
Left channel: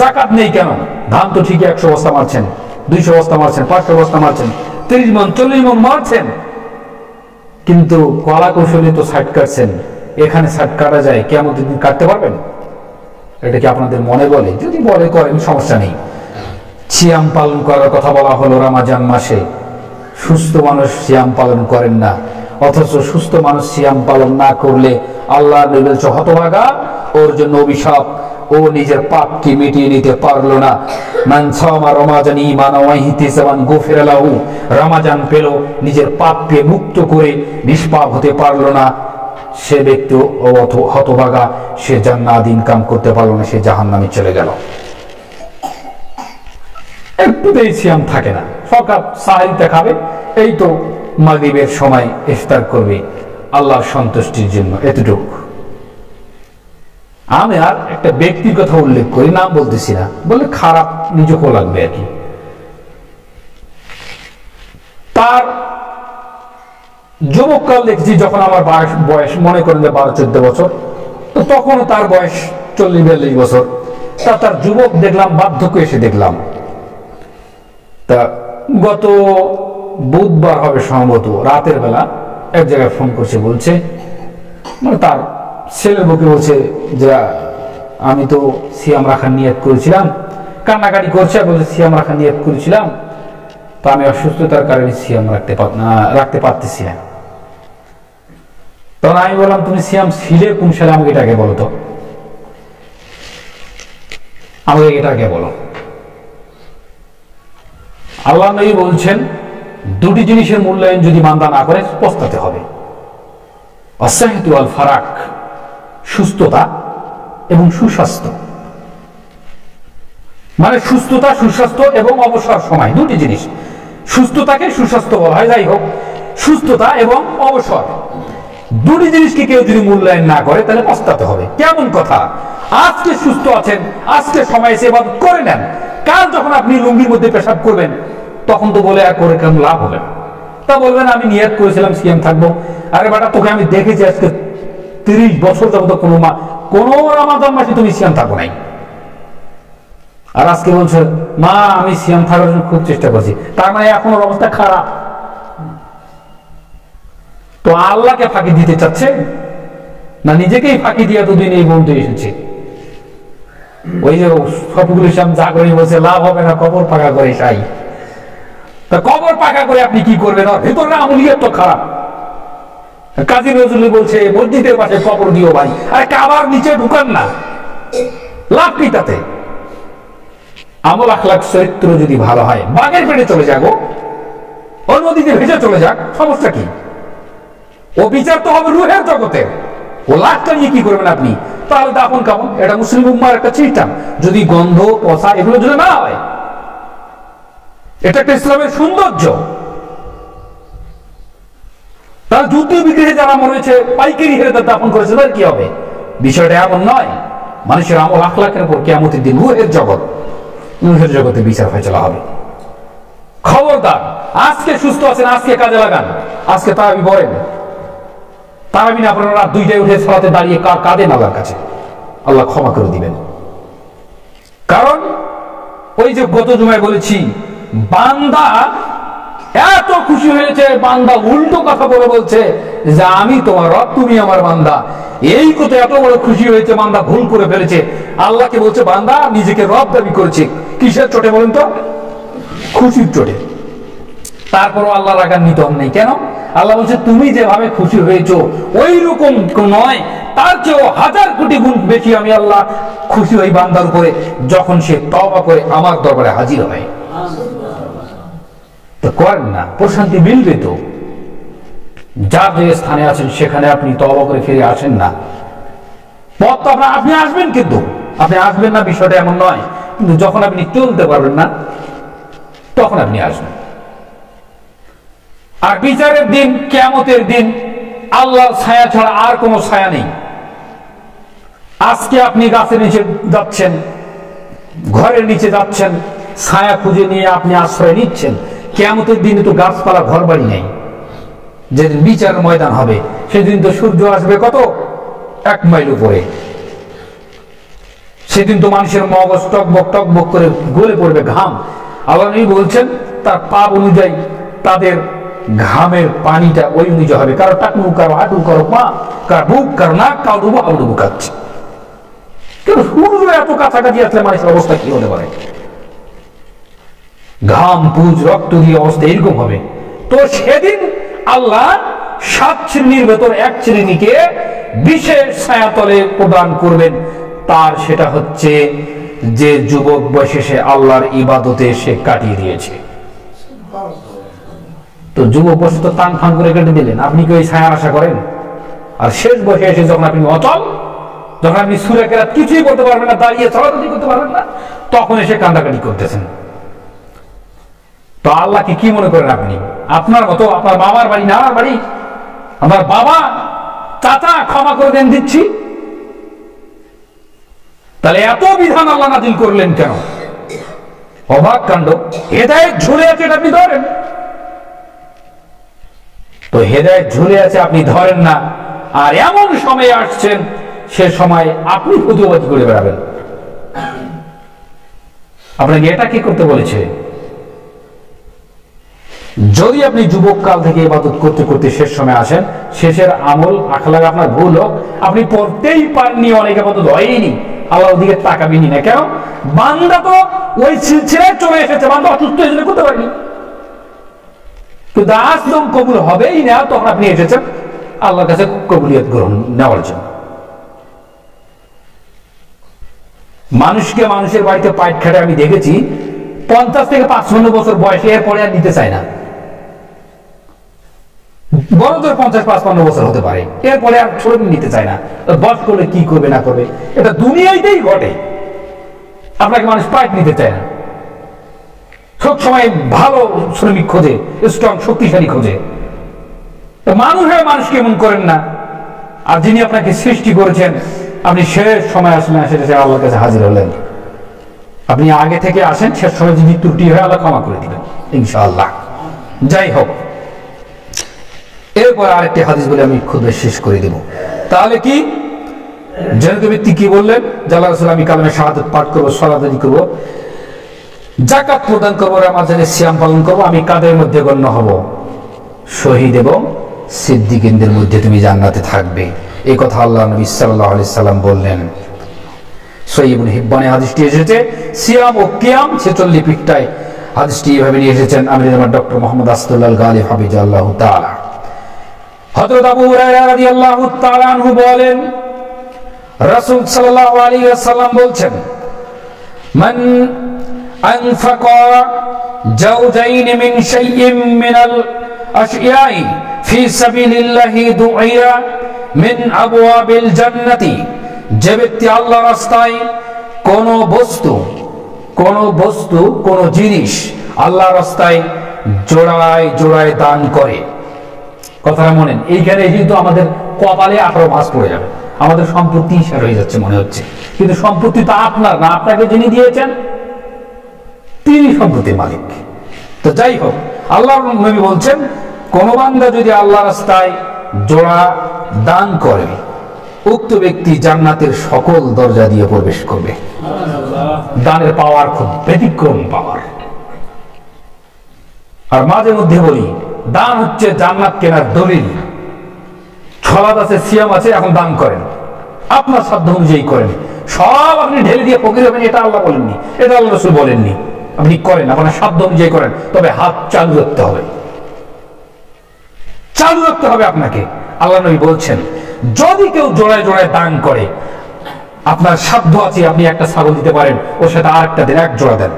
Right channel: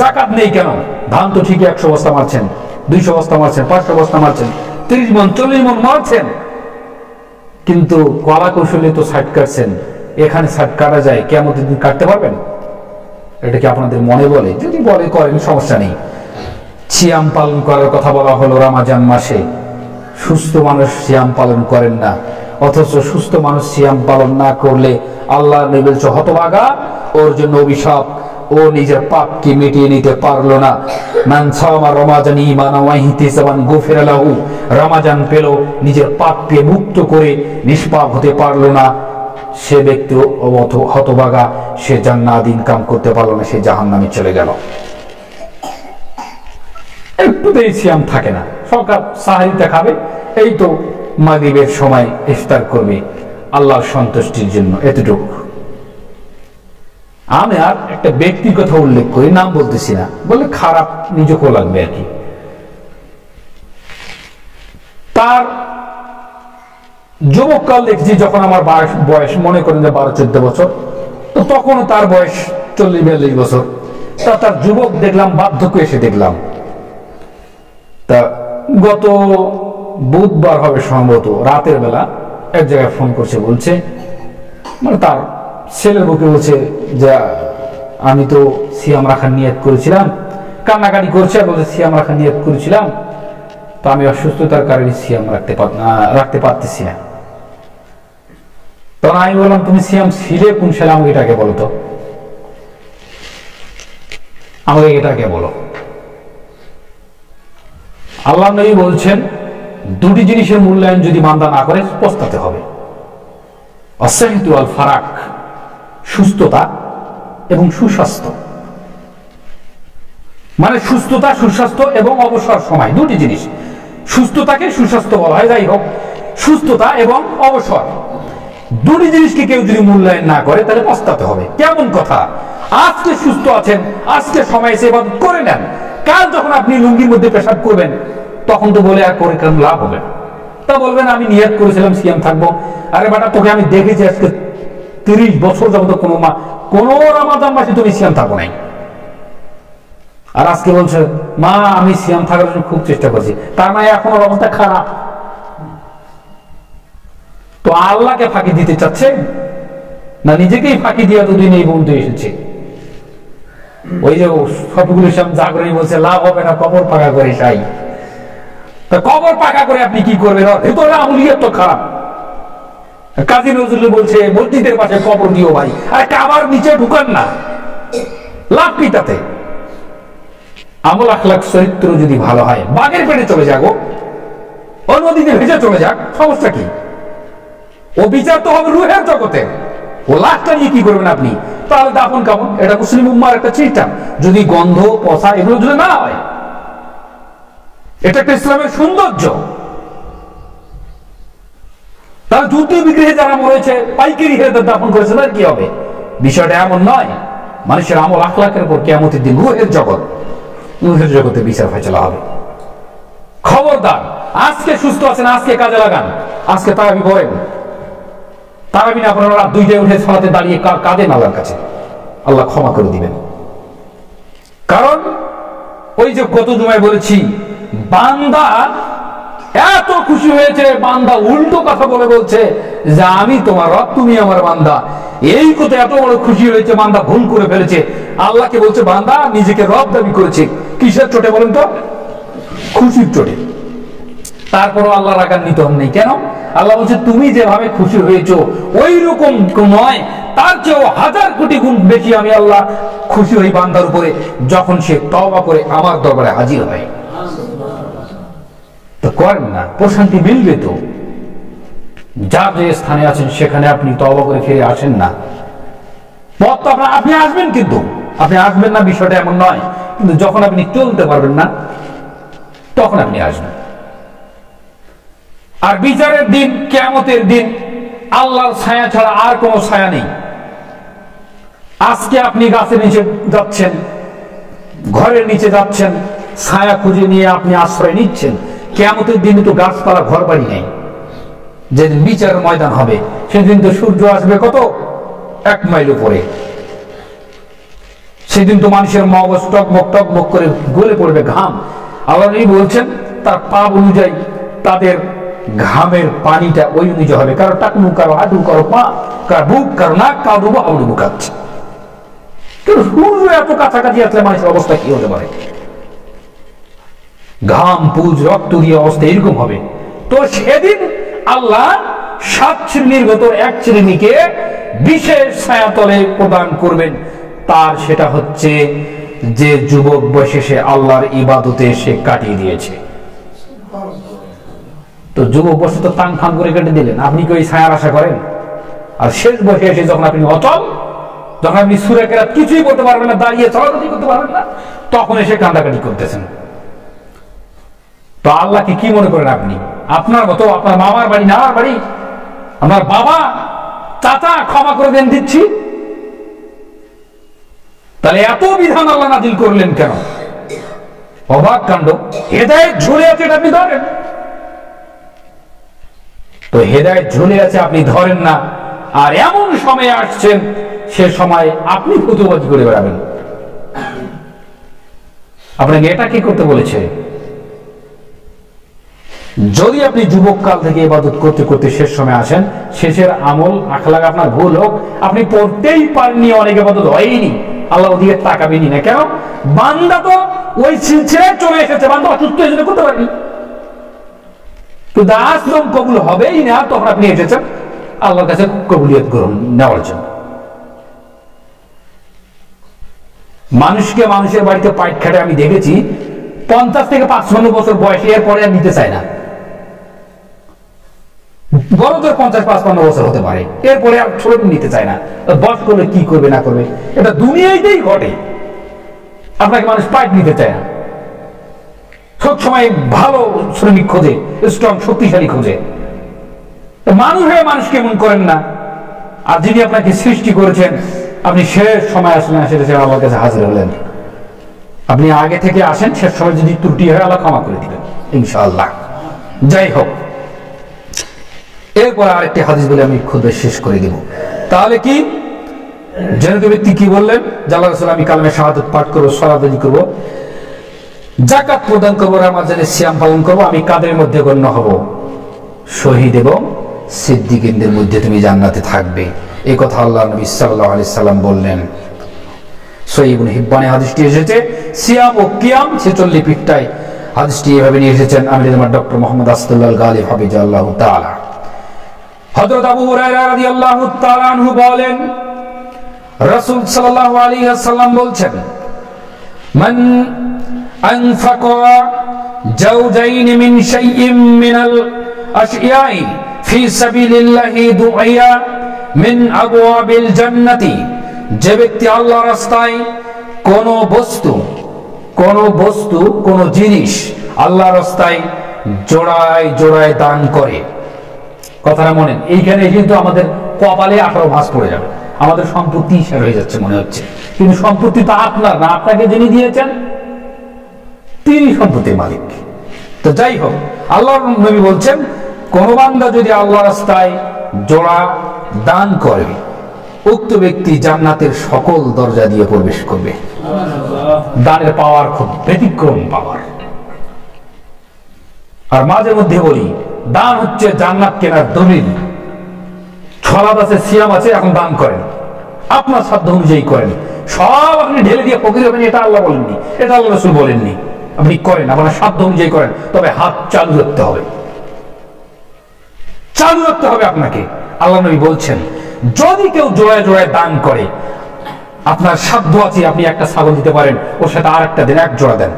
যাকাত নেই কেন? ধান তো ঠিকই 100 বস্তা মারছেন, 200 বস্তা মারছেন, 500 বস্তা মারছেন, 30 মণ 40 মণ মারছেন, কিন্তু কলা কৌশলে তো সাইড কাটছেন। এখানে সাইড কাটা যায়, কেমন দিন কাটতে পারবেন? এটা কি আপনাদের মনে বলে? যদি বলে করেন, সমস্যা নেই। সিয়াম পালন করার কথা বলা হলো রমজান মাসে। সুস্থ মানুষ সিয়াম পালন করেন না, অথচ সুস্থ মানুষ সিয়াম পালন না করলে আল্লাহ নবী বলছে হতভাগা, ওর জন্য অভিশাপ। ও নিজের পাপকে মিটিয়ে নিতে পারলো না। মান সামা রমাজান ঈমানান ওয়া ইহতিসাবান গুফিরা লাহু, রমাজান পেল, নিজের পাপকে মুক্ত করে নিষ্পাপ হতে পারলো না, সে ব্যক্তি হতভাগা, সে জান্নাত ইনকাম করতে পারলো না, সে জাহান্নামে চলে গেল। একটুতেই সিয়াম থাকে না, সকাল সাহারিতে খাবে, এই তো মাগরিবের সময় ইফতার করবে আল্লাহর সন্তুষ্টির জন্য, এতটুকু। আমি আর একটা ব্যক্তির কথা উল্লেখ করি, নাম বলতেছি না, বললে খারাপ নিজেকেও লাগবে আর কি। তার যুবককাল দেখছি, যখন আমার বয়স মনে করেন যে 12-14 বছর, তো তখনও তার বয়স 40-42 বছর। তার যুবক দেখলাম, বার্ধক্য এসে দেখলাম। তা গত বুধবার হবে সম্ভবত, রাতের বেলা এক জায়গায় ফোন করছে, বলছে মানে তার ছেলের বুকে বলছে যে আমি তো সিয়াম রাখার নিয়ত করেছিলাম, কান্নাকাটি করছে, বলছে সিয়াম রাখার নিয়ত করেছিলাম, তো আমি অসুস্থতার কারণে সিয়াম রাখতে পারতেছি না। তখন আমি বললাম, তুমি সিয়াম ছিলে কোন সালে? আমাকে এটাকে বলো তো, আমাকে এটাকে বলো। আল্লাহ নবী বলছেন, দুটি জিনিসের মূল্যায়ন যদি বান্দা না করে পস্তাতে হবে। আসসাহতু ওয়াল ফারাক, সুস্থতা এবং সুস্বাস্থ্য। মানে সুস্থতা, সুস্বাস্থ্য এবং অবসর সময়, দুটি জিনিস। সুস্থতাকে সুস্বাস্থ্য বলা হয়, যাই হোক, সুস্থতা এবং অবসর দুটি জিনিসকে কেউ যদি মূল্যায়ন না করে তাহলে পস্তাতে হবে। কেমন কথা? আজকে সুস্থ আছেন, আজকে সময় এসে ইবাদত করে নেন, কাল যখন আপনি লুঙ্গির মধ্যে পেশাব করবেন তখন তো বলে আর করে কেন লাভ হবে? তা বলবেন আমি নিয়ত করেছিলাম সিয়াম থাকবো। আরে বেটা, তোকে আমি দেখেছি আজকে 30 বছর যাবত কোনো রমাদান মাসে তুমি সিয়াম থাকো নাই, আর আজকে বলছে মা আমি সিয়াম থাকার জন্য খুব চেষ্টা করছি। তার মানে এখন ওর অবস্থা খারাপ। তো আল্লাহকে ফাঁকি দিতে চাচ্ছে না নিজেকেই ফাঁকি দিয়ে এতদিন এই বন্ধু এসেছে? ওই যে সবগুলো শ্যাম জাগরণী বলছে লাভ হবে না, কবর পাকা করে সাই। তা কবর পাকা করে আপনি কি করবেন? ভিতরে আমলিয়াত তো খারাপ। কাজী নজরুল বলছে মসজিদের পাশে কবর দিও ভাই, আরে কাবার নিচে ঢুকান না, লাভ কি তাতে? আমল আখলাক চরিত্র যদি ভালো হয়, বাঘের পেটে চলে যাগো, ও নদীতে ভেসে চলে যাক, সমস্যা কি? ও বিচার তো হবে রুহের জগতে। ও লাশটা নিয়ে কি করবেন আপনি? তাহলে দাফন কাফন, এটা মুসলিম উম্মার একটা সিস্টেম। যদি গন্ধ পচা এগুলো যদি না হয়, এটা একটা ইসলামের সৌন্দর্য। তাহলে যুদ্ধ বিগ্রহে যারা মরেছে পাইকারি হেরে দাফন করেছে, তার কি হবে? বিষয়টা এমন নয়। মানুষের আমল আখলাকের উপর কিয়ামতের দিন রুহের জগতে বিচার ফয়সালা হবে। খবরদার, আজকে সুস্থ আছেন, আজকে কাজে লাগান, আজকে তারাবি পড়েন। তারাবি না পড়েন, রাত 2টায় উঠে সালাতে দাঁড়িয়ে কাঁদেন আল্লাহর কাছে, আল্লাহ ক্ষমা করে দিবেন। কারণ ওই যে গত জুমায় বলেছি, বান্দা এত খুশি হয়েছে, বান্দা উল্টো কথা বলে বলছে যে আমি তোমার রব, তুমি আমার বান্দা। এই কথা এত বড় খুশি হয়েছে, বান্দা ভুল করে ফেলেছে। আল্লাহকে বলছে বান্দা নিজেকে রব দাবি করেছে। কিসের চোটে বলেন তো? খুশির চোটে। তারপরও আল্লাহ রাগান্বিত হন নাই। কেন? আল্লাহ বলছে তুমি যেভাবে খুশি হয়েছো ওই রকম নয়, তার চেয়েও 1000 কোটি গুণ বেশি আমি আল্লাহ খুশি হই বান্দার উপরে যখন সে তওবা করে আমার দরবারে হাজির হয়। তো করেন না, প্রশান্তি মিলবে তো। যার যে স্থানে আছেন সেখানে আপনি তওবা করে ফিরে আসেন না। পথ তো আপনি আসবেন, কিন্তু আপনি আসবেন না বিষয়টা এমন নয়, কিন্তু যখন আপনি চলতে পারবেন না তখন আপনি আসবেন। আর বিচারের দিন, কিয়ামতের দিন আল্লাহর ছায়া ছাড়া আর কোনো ছায়া নেই। আজকে আপনি গাছের নিচে যাচ্ছেন, ঘরের নিচে যাচ্ছেন, ছায়া খুঁজে নিয়ে আপনি আশ্রয় নিচ্ছেন। কিয়ামতের দিনে তো গাছপালা ঘর বাড়ি নেই। যেদিন বিচারের ময়দান হবে সেদিন তো সূর্য আসবে কত 1 মাইল উপরে। সেদিন তো মানুষের মগজ টকবক টকবক করে গলে পড়বে ঘাম। আল্লাহ নবী বলছেন তার পাপ অনুযায়ী তাদের ঘামের পানিটা ওই অনুযায়ী হবে। কারো টাকনু, কারো হাঁটু, কারো পা, কারো বুক, কারো নাক, কারো ডুবো হাবুডুবু কাচ্ছে। কিন্তু সূর্য এত কাছাকাছি আসলে মানুষের অবস্থা কি হতে পারে? ঘাম, পুজ, রক্ত দিয়ে অবস্থা এরকম হবে। তো সেদিন আল্লাহ 7 শ্রেণীর ভেতর 1 শ্রেণীকে বিশেষ ছায়াতলে প্রদান করবেন। তার সেটা হচ্ছে যে যুবক বয়সে সে আল্লাহর ইবাদতে সে কাটিয়ে দিয়েছে। তো যুবক বয়সে তো টাং ফাং করে কেটে দিলেন, আপনি কি ওই ছায়ার আশা করেন? আর শেষ বয়সে এসে যখন আপনি অচল, যখন আপনি সূরা কেরাত কিছুই করতে পারবেন না, দাঁড়িয়ে চলাচলি করতে পারবেন না, তখন এসে কান্দাকাটি করতেছেন। তো আল্লাহকে কি মনে করেন আপনি? আপনার মতো আপনার মামার বাড়ি, নানার বাড়ি, আমার বাবা, চাচা, ক্ষমা করে দেন দিচ্ছি। তাহলে এত বিধান আল্লাহ নাজিল করলেন কেন? অবাক কাণ্ড। হেদায়েত ঝুলে আছে, এটা আপনি ধরেন। তো হেদায়েত ঝুলে আছে, আপনি ধরেন না। আর এমন সময় আসছেন, সে সময় আপনি ফতুয়াবাজি করে বেড়াবেন। আপনাকে এটা কি করতে বলেছে? যদি আপনি যুবক কাল থেকে ইবাদত করতে করতে শেষ সময় আসেন, শেষের আমল আখলাক আপনার ভুল হোক, আপনি পড়তেই পারেননি, অনেক ইবাদত হয়নি, আল্লাহ ওদিকে তাকাবেনি না। কেন? বান্দা তো ওই সিলসিলায় চলে এসেছে, বান্দা অসুস্থ হয়েছে, করতে পারেনি। কিন্তু আসলাম কবুল হবেই না, তখন আপনি এসেছেন আল্লাহর কাছে কবুলিয়ত গ্রহণ নেওয়ার জন্য। মানুষকে মানুষের বাড়িতে পাইট খাটে আমি দেখেছি 50 থেকে 55 বছর বয়সে, এরপরে আর নিতে চায় না। বড় জোর 50-55 বছর হতে পারে, এরপরে আর ছোট নিতে চায় না। বস করলে কি করবে না করবে, এটা দুনিয়াতেই ঘটে। আপনাকে মানুষ পাইট নিতে চায় না, সব সময় ভালো শ্রমিক খোঁজে, স্ট্রং শক্তিশালী খোঁজে। মানুষ হয়ে মানুষ কেমন করেন না। আর যিনি আপনাকে সৃষ্টি করেছেন, আপনি শেষ সময় আসলেন, সেটা আল্লাহর কাছে হাজির হলেন। আপনি আগে থেকে আসেন, শেষ সময় যদি ত্রুটি হয় আল্লাহ ক্ষমা করে দিবেন ইনশাআল্লাহ। যাই হোক, এরপর আরেকটি হাদিস বলে আমি খুদ শেষ করে দেব। তাহলে কি জনিত ব্যক্তি কি বললেন? আল্লাহ রাসূল আমি কালেমা শাহাদাত পাঠ করবো, সালাত আদায় করবো, যাকাত প্রদান করবো, রমজানের সিয়াম পালন করবো, আমি কাদের মধ্যে গণ্য হব? শহীদ এবং সিদ্দিকিনদের মধ্যে তুমি জান্নাতে থাকবে। এই কথা আল্লাহ নবী সাল্লাল্লাহু আলাইহি সাল্লাম বললেন। সহিহ ইবনে হিব্বানে হাদিসটি এসেছে, সিয়াম ও কিয়াম 46 পৃষ্ঠায় হাদিসটি এভাবে নিয়ে এসেছেন আমির জামাত ডক্টর মোহাম্মদ আসাদুল্লাহ গালিব হাফিজাল্লাহু তাআলা। হযরত আবু হুরায়রা রাদিয়াল্লাহু তাআলা আনহু বলেন, রাসূল সাল্লাল্লাহু আলাইহি ওয়াসাল্লাম বলছেন, মান আনফাকা জাওজাইন মিন শাইইন মিনাল আশইয়াই ফি সাবিলিল্লাহি দুইয়া মিন আবওয়াবিল জান্নাতি। যে ব্যক্তি আল্লাহর রাস্তায় কোন বস্তু কোন জিনিস আল্লাহর রাস্তায় জোড়ায় জোড়ায় দান করে, কথাটা মনেন, এইখানে কিন্তু আমাদের কপালে 18 ভাঁজ পড়ে যাবে। আমাদের সম্পত্তি শেয়ার হয়ে যাচ্ছে মনে হচ্ছে, কিন্তু সম্পত্তি তো আপনার না, আপনাকে যিনি দিয়েছেন তিনি সম্পত্তির মালিক। তো যাই হোক, আল্লাহর নবী বলছেন কোন বান্দা যদি আল্লাহ রাস্তায় জোড়া দান করে উক্ত ব্যক্তি জান্নাতের সকল দরজা দিয়ে প্রবেশ করবে। দানের পাওয়ার খুব ব্যতিক্রম পাওয়ার। আর মাঝে মধ্যে বলি, দান হচ্ছে জান্নাত কেনার দলিল। ছলাদ আছে, সিয়াম আছে, এখন দান করেন, আপনার সাধ্য অনুযায়ী করেন, সব আপনি ঢেলে দিয়ে ফকির হবেন এটা আল্লাহ বলেননি, এটা আল্লাহ রাসূল বলেননি। আপনি করেন, আপনার সাধ্য অনুযায়ী করেন, তবে হাত চালু রাখতে হবে, চালু রাখতে হবে আপনাকে। আল্লাহ নবী বলছেন যদি কেউ জোড়ায় জোড়ায় দান করে, আপনার সাধ্য আছে, আপনি একটা ছাগল দিতে পারেন, ওর সাথে আর একটা দেন, এক জোড়া দেন,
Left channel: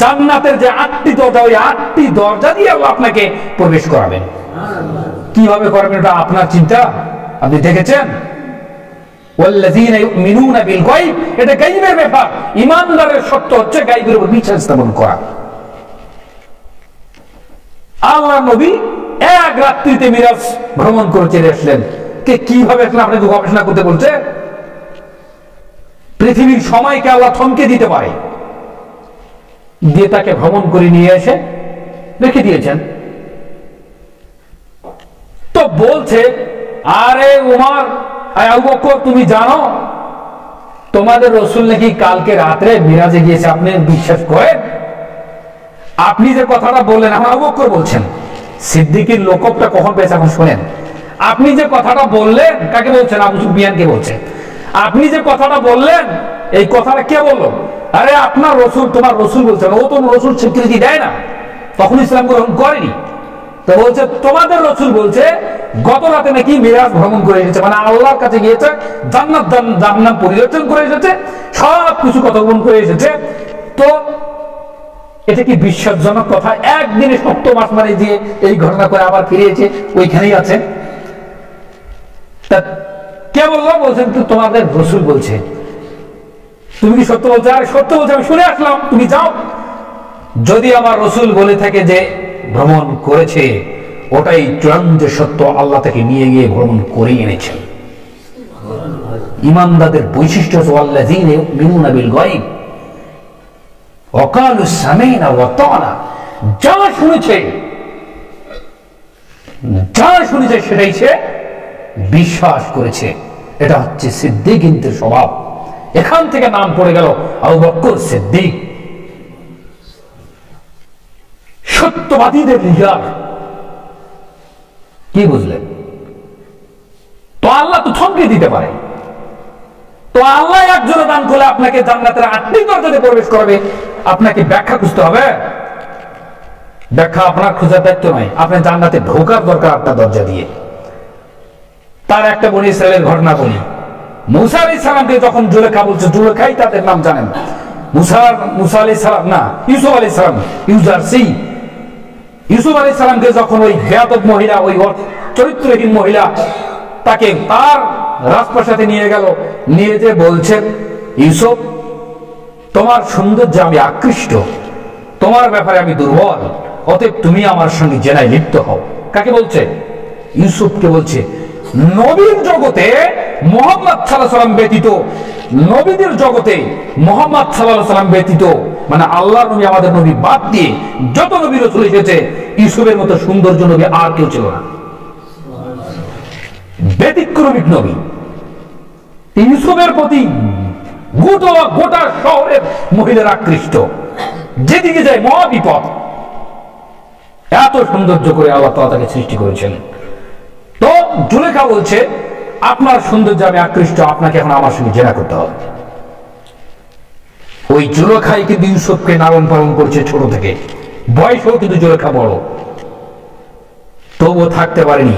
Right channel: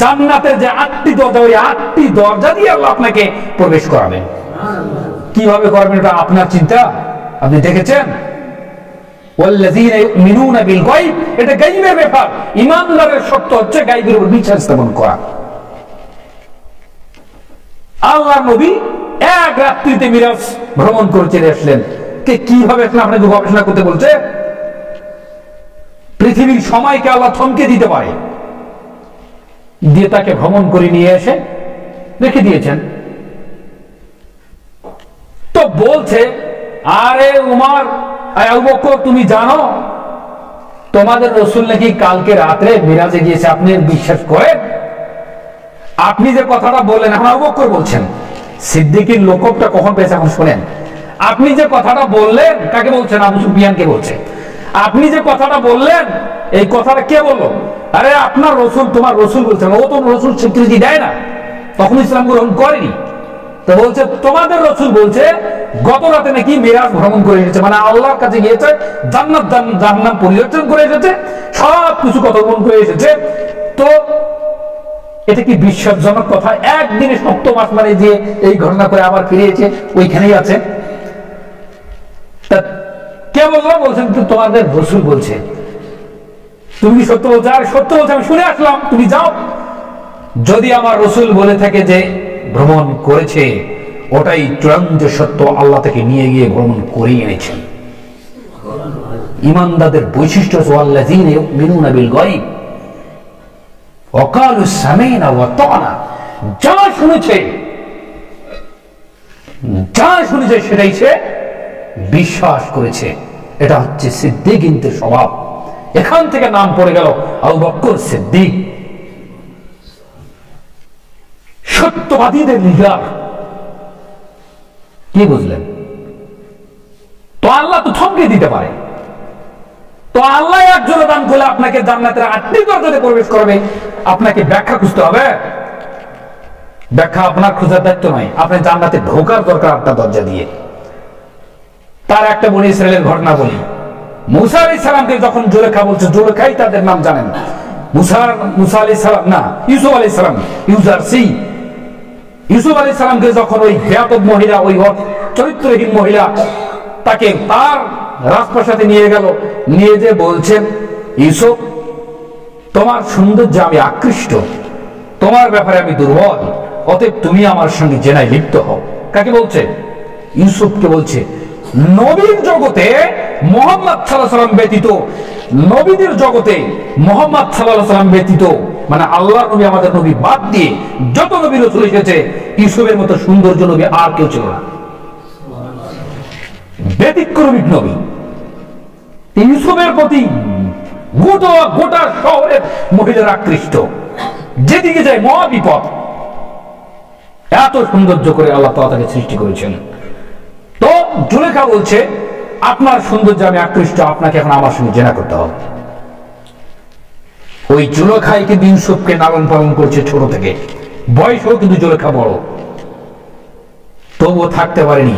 জান্নাতের যে 8টি দরজা, ওই 8টি দরজা দিয়ে আল্লাহ আপনাকে প্রবেশ করাবেন। কিভাবে করবেন এটা আপনার চিন্তা, আপনি দেখেছেন? ওয়াল্লাযীনা ইউমিনুনা বিল গায়ব, এটা গায়বের ব্যাপার। ঈমানদারের শর্ত হচ্ছে গায়বের উপর বিশ্বাস স্থাপন করা। আল্লাহর নবী এক রাত্রিতে মিরাজ ভ্রমণ করে চলে আসলেন। কে কিভাবে আসলেন আপনাকে গবেষণা করতে বলছে? পৃথিবীর সময়কে আল্লাহ থমকে দিতে পারে, দিয়ে তাকে ভ্রমণ করে নিয়ে এসে রেখে দিয়েছেন। তো বলছে, আরে উমর, আবু বকর, তুমি জানো তোমাদের রাসূল নাকি কালকে রাত্রে মিরাজে গিয়েছে, আপনি বিশ্বাস করেন? আপনি যে কথাটা বললেন, এখন আবু বকর বলছেন, সিদ্দিকের লোকবটা কখন পেয়েছে এখন শুনেন। আপনি যে কথাটা বললেন, কাকে বলছেন? আবু সুফিয়ানকে বলছে। আপনি যে কথাটা বললেন, এই কথাটা কে বললো? আরে আপনার রসুল, তোমার রসুল বলছেন। ও তো রসুল স্বীকৃতি দেয় না, তখন ইসলাম গ্রহণ করেনি। তো বলছে তোমাদের রসুল বলছে গত রাতে নাকি মিরাজ ভ্রমণ করে এসেছে, মানে আল্লাহর কাছে গিয়েছে, জান্নাত জাহান্নাম পরিদর্শন করে এসেছে, সব কিছু কথা গ্রহণ করে এসেছে। তো এটা কি বিশ্বাসজনক কথা? একদিনে সপ্তম আসমানে দিয়ে এই ঘটনা করে আবার ফিরিয়েছে, ওইখানেই আছে। কে বললো? বলছেন তোমাদের রসুল বলছে। তুমি কি সত্য বলছো? আরে সত্য বলছে, আমি শুনে আসলাম, তুমি যাও। যদি আমার রসুল বলে থাকে যে ভ্রমণ করেছে, ওটাই চূড়ান্ত সত্য, আল্লাহ তাকে নিয়ে গিয়ে ভ্রমণ করে এনেছেন। ঈমানদারদের বৈশিষ্ট্য হচ্ছে ওয়াল্লাযীনা ইউমিনুনা বিল গায়ব ওয়া ক্বালু সামি'না ওয়া আতা'না, যা শুনেছে সেটাই সে বিশ্বাস করেছে। এটা হচ্ছে সিদ্দিকদের স্বভাব। এখান থেকে নাম পড়ে গেল আবু বকর সিদ্দিক, সত্যবাদীদের লিডার। কি বুঝলেন? তো আল্লাহ তো থমকে দিতে পারে। তো আল্লাহ একজনে দান করলে আপনাকে জান্নাতের 8টি দরজাতে প্রবেশ করবে, আপনাকে ব্যাখ্যা খুঁজতে হবে। ব্যাখ্যা আপনার খোঁজার দায়িত্ব নয়, আপনি জান্নাতে ঢোকার দরকার 8টা দরজা দিয়ে। তার একটা বনি ইসরায়েলের ঘটনা বলি। মুসা আলাইহিস সালামকে যখন জুলেখা বলছে, জুলেখাই তাদের নাম জানেন, মুসা আলাইহিস সালাম না, ইউসুফ আলাইহিস সালাম, ইউসুফ আলাইহিস সালামকে যখন ওই বেয়াদব মহিলা, ওই চরিত্রহীন মহিলা তাকে তার রাজপ্রাসাদে নিয়ে গেল, নিয়ে যে বলছেন, ইউসুফ তোমার সৌন্দর্যে আমি আকৃষ্ট, তোমার ব্যাপারে আমি দুর্বল, অতএব তুমি আমার সঙ্গে জেনায় লিপ্ত হও। কাকে বলছে? ইউসুফকে বলছে। নবীর জগতে মুহাম্মদ সাল্লাল্লাহু আলাইহি ওয়াসাল্লাম ব্যতীত, নবীদের জগতে মুহাম্মদ সাল্লাল্লাহু আলাইহি ওয়াসাল্লাম ব্যতীত, মানে আল্লাহর নবী, আমাদের নবী বাদ দিয়ে যত নবী রাসূল এসেছে, ইউসুফের মতো সৌন্দর্য নবী আর কেউ ছিল না। ব্যতিক্রমিক নবী। ইউসুফের প্রতি গোটা শহরের মহিলারা আকৃষ্ট, যেদিকে যায় মহা বিপদ। এত সৌন্দর্য করে আল্লাহ তাআলা তাকে সৃষ্টি করেছেন। তো জুলেখা বলছে, আপনার সৌন্দর্যে আমি আকৃষ্ট, আপনাকে এখন আমার সঙ্গে জেনা করতে হবে। ওই জুলেখাই কিন্তু ইউসুফকে লালন পালন করছে ছোট থেকে, বয়সও কিন্তু জুলেখা বড়, তবুও থাকতে পারেনি।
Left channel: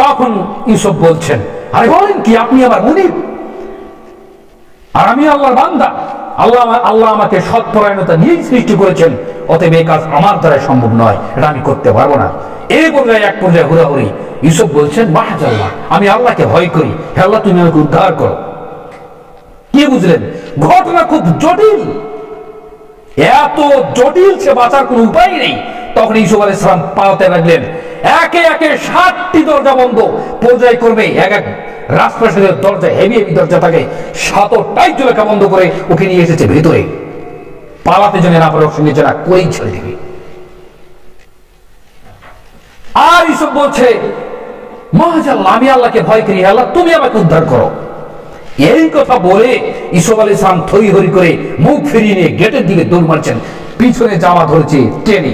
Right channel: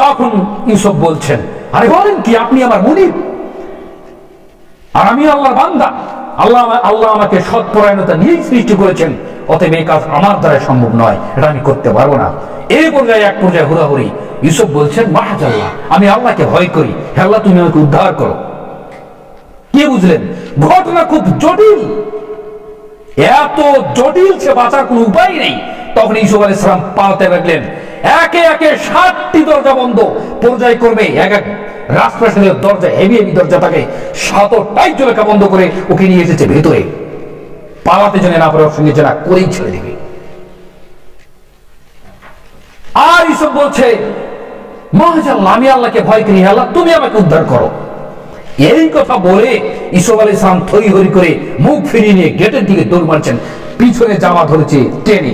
তখন ইউসুফ বলছেন, আরে বলেন কি, আপনি আমার মুনিব আর আমি আল্লাহর বান্দা, আল্লাহ আমাকে সৎপরায়ণতা নিয়েই সৃষ্টি করেছেন, অতএব এই কাজ আমার দ্বারা সম্ভব নয়, এটা আমি করতে পারবো না। এই পর্যায়ে এক পর্যায়ে হুড়াহুড়ি। ইউসুফ বলছেন, মাহাজাল্লাহ, আমি আল্লাহকে ভয় করি, হে আল্লাহ তুমি আমাকে উদ্ধার করো। কি বুঝলেন? ঘটনা খুব জটিল, এত জটিল সে বাঁচার কোনো উপায় নেই। তখন ইউসুফ আলাইহিস সালাম পালাতে লাগলেন। একে একে 7টি দরজা বন্ধ, পর্যায়ক্রমে এক এক রাজপ্রাসাদের দরজা, হেভি হেভি দরজা থাকে, সাতটাই জলেখা বন্ধ করে ওকে নিয়ে এসেছে ভেতরে, পালাতে জানে না পারে, ওর সঙ্গে জানা করেই ছেড়ে দিবে। আর ইউসুফ বলছে, মাশাআল্লাহ, আমি আল্লাহকে ভয় করি, আল্লাহ তুমি আমাকে উদ্ধার করো। এই কথা বলে ইউসুফ আলাইহিস সালাম থই হরি করে মুখ ফিরিয়ে নিয়ে গেটের দিকে দৌড় মারছেন। পিছনে জামা ধরেছে টেনে,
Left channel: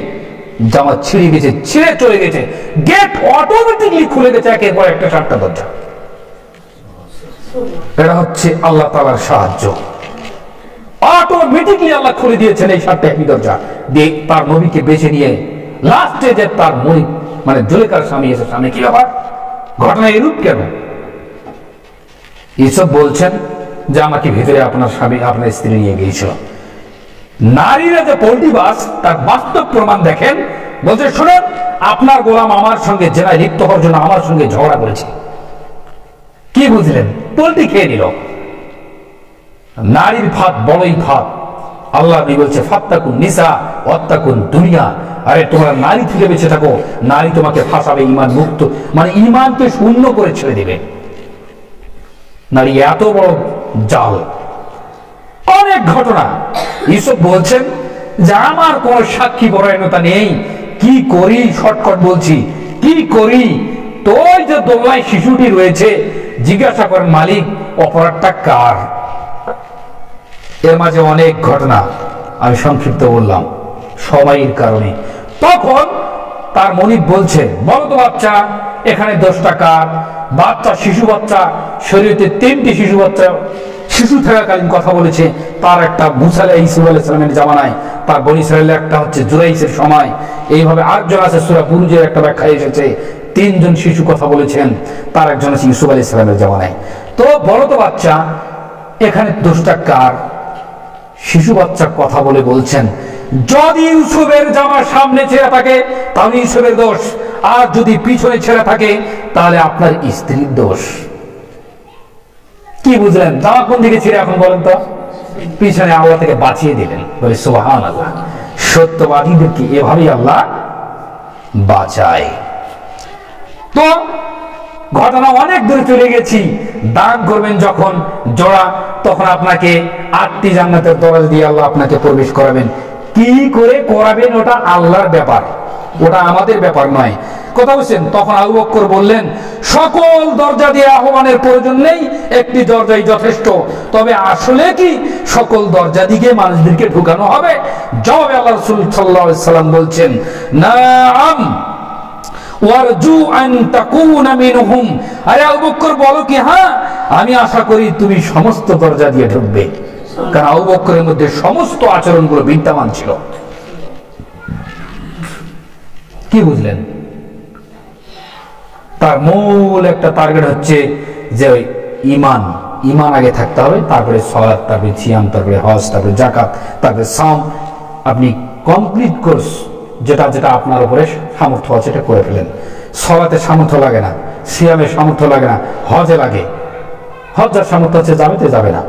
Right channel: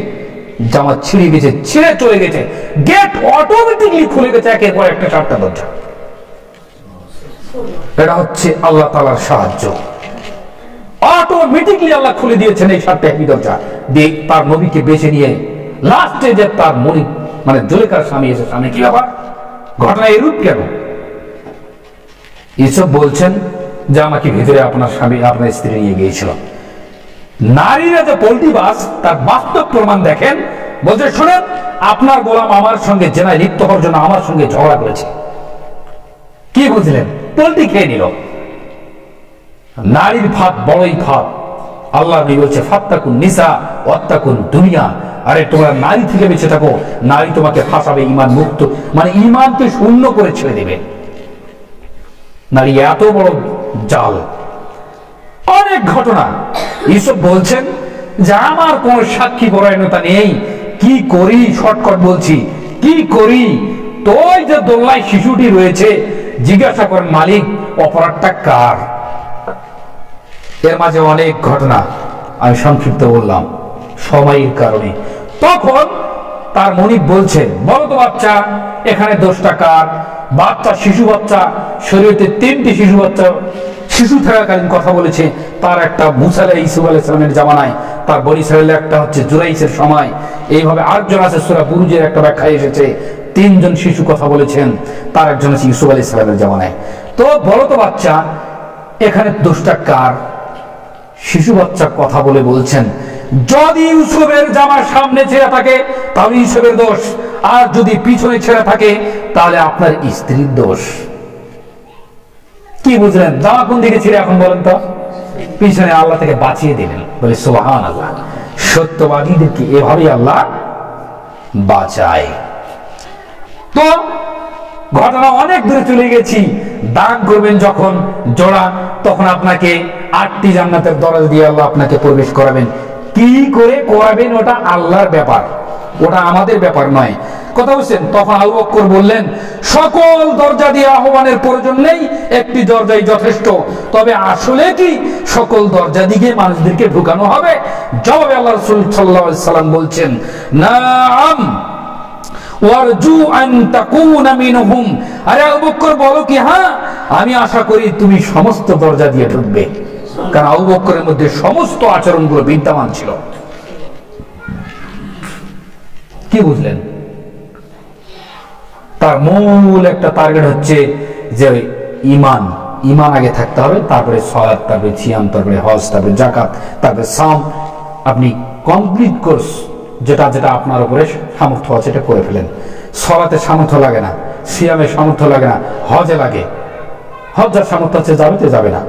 জামা ছিঁড়ে গেছে, ছিঁড়ে চলে গেছে, গেট অটোমেটিকলি খুলে গেছে একের পর একটা 4টা দরজা। এটা হচ্ছে আল্লাহ তাআলার সাহায্য। অটোমেটিকলি আল্লাহ খুলে দিয়েছেন এই 4টা হেভি দরজা দিয়ে, তার নবীকে বেছে নিয়ে লাস্টে যে তার মনি মানে জুলেখার স্বামী এসে সামনে, কি ব্যাপার, ঘটনা এরূপ কেন? ইউসুফ বলছেন যে আমাকে ভিতরে আপনার স্বামী, আপনার স্ত্রী নিয়ে গিয়েছিল। নারীরা যে পোল্ট্রি বাস, তার বাস্তব প্রমাণ দেখেন। বলছে, শোনেন, আপনার গোলাম আমার সঙ্গে জেনায় লিপ্ত হওয়ার জন্য আমার সঙ্গে ঝগড়া করেছে। কি বুঝলেন? পোল্ট্রি খেয়ে নিল। নারীর ফাঁদ বড়ই ফাঁদ। আল্লাহ নবী বলছে, ফাত্তাকুন নিসা ওয়াত্তাকুন দুনিয়া। আরে তোমরা নারী থেকে বেঁচে থাকো, নারী তোমাকে ফাঁসাবে, ঈমান মুক্ত মানে ঈমানকে শূন্য করে ছেড়ে দেবে। নারী এত বড় জাল। অনেক ঘটনা। ইউসুফ বলছেন যে আমার কোনো সাক্ষী পরায়ণতা নেই, কি করি, শর্টকাট বলছি, কি করি? তো ওই যে দোলনায় শিশুটি রয়েছে, জিজ্ঞাসা করেন মালিক অপরাধটা কার? এর মাঝে অনেক ঘটনা, আমি সংক্ষিপ্ত বললাম সময়ের কারণে। তখন তার মনিব বলছে, বলো তো বাচ্চা, এখানে দোষটা কার? বাচ্চা, শিশু বাচ্চা, শরীয়তে 3টি শিশু বাচ্চা শিশু থাকাকালীন কথা বলেছে। তার একটা মুসা ইউসুফ আলাইহিস সালামের জামানায়, তার বনি ইসরাঈলের একটা হচ্ছে জুরাইসের সময়, এইভাবে 8জন আছে। সূরা বুরুজের একটা ব্যাখ্যা এসেছে 3 জন শিশু কথা বলেছেন, তার একজন আছে ইউসুফ আলাইহিস সালামের জামানায়। তো বলো তো বাচ্চা, এখানে দোষটা কার? শিশু বাচ্চা কথা বলে বলছেন, যদি ইউসুফের জামা সামনে ছেঁড়া থাকে তাহলে ইউসুফের দোষ, আর যদি পিছনে ছেঁড়া থাকে তাহলে আপনার স্ত্রীর দোষ। কি বুঝলেন? জামা কোন দিকে ছিঁড়ে এখন বলেন তো? পিছনে। আল্লাহ থেকে বাঁচিয়ে দিলেন। বলে সুবহানাল্লাহ। সত্যবাদীদেরকে এভাবেই আল্লাহ বাঁচায়। তো ঘটনা অনেক দূরে চলে গেছি। দান করবেন যখন জোড়া, তখন আপনাকে 8টি জান্নাতের দরজা দিয়ে আল্লাহ আপনাকে প্রবেশ করাবেন। কি করে করাবেন ওটা আল্লাহর ব্যাপার, ওটা আমাদের ব্যাপার নয়। কথা বুঝছেন? তখন আবু বকর বললেন, সকল দরজা দিয়ে আহ্বানের প্রয়োজন নেই, একটি দরজাই যথেষ্ট। তবে আসলে কি সকল দরজা দিকে মানুষদেরকে ঢুকানো হবে? জবাবে আল্লাহ রাসূল সাল্লাল্লাহু আলাইহি সাল্লাম বলছেন, নাম ওয়ারজু আন তাকুনা মিনহুম। আরে আবু বকর বলো কি, হ্যাঁ আমি আশা করি তুমি সমস্ত দরজা দিয়ে ঢুকবে। কারণ আবু বকরের মধ্যে সমস্ত আচরণগুলো বিদ্যমান ছিল। কি বুঝলেন? তার মূল একটা টার্গেট হচ্ছে যে ঈমান, ঈমান আগে থাকতে হবে, তারপরে সালাত, তারপরে সিয়াম, তারপরে হজ, তারপরে যাকাত, তারপরে সাম। আপনি কমপ্লিট কোর্স যেটা যেটা আপনার উপরে সামর্থ্য আছে এটা করে ফেলেন। সালাতে সামর্থ্য লাগে না, সিয়ামে সামর্থ্য লাগে না, হজে লাগে। হজ যার সামর্থ্য আছে যাবে তো যাবে না।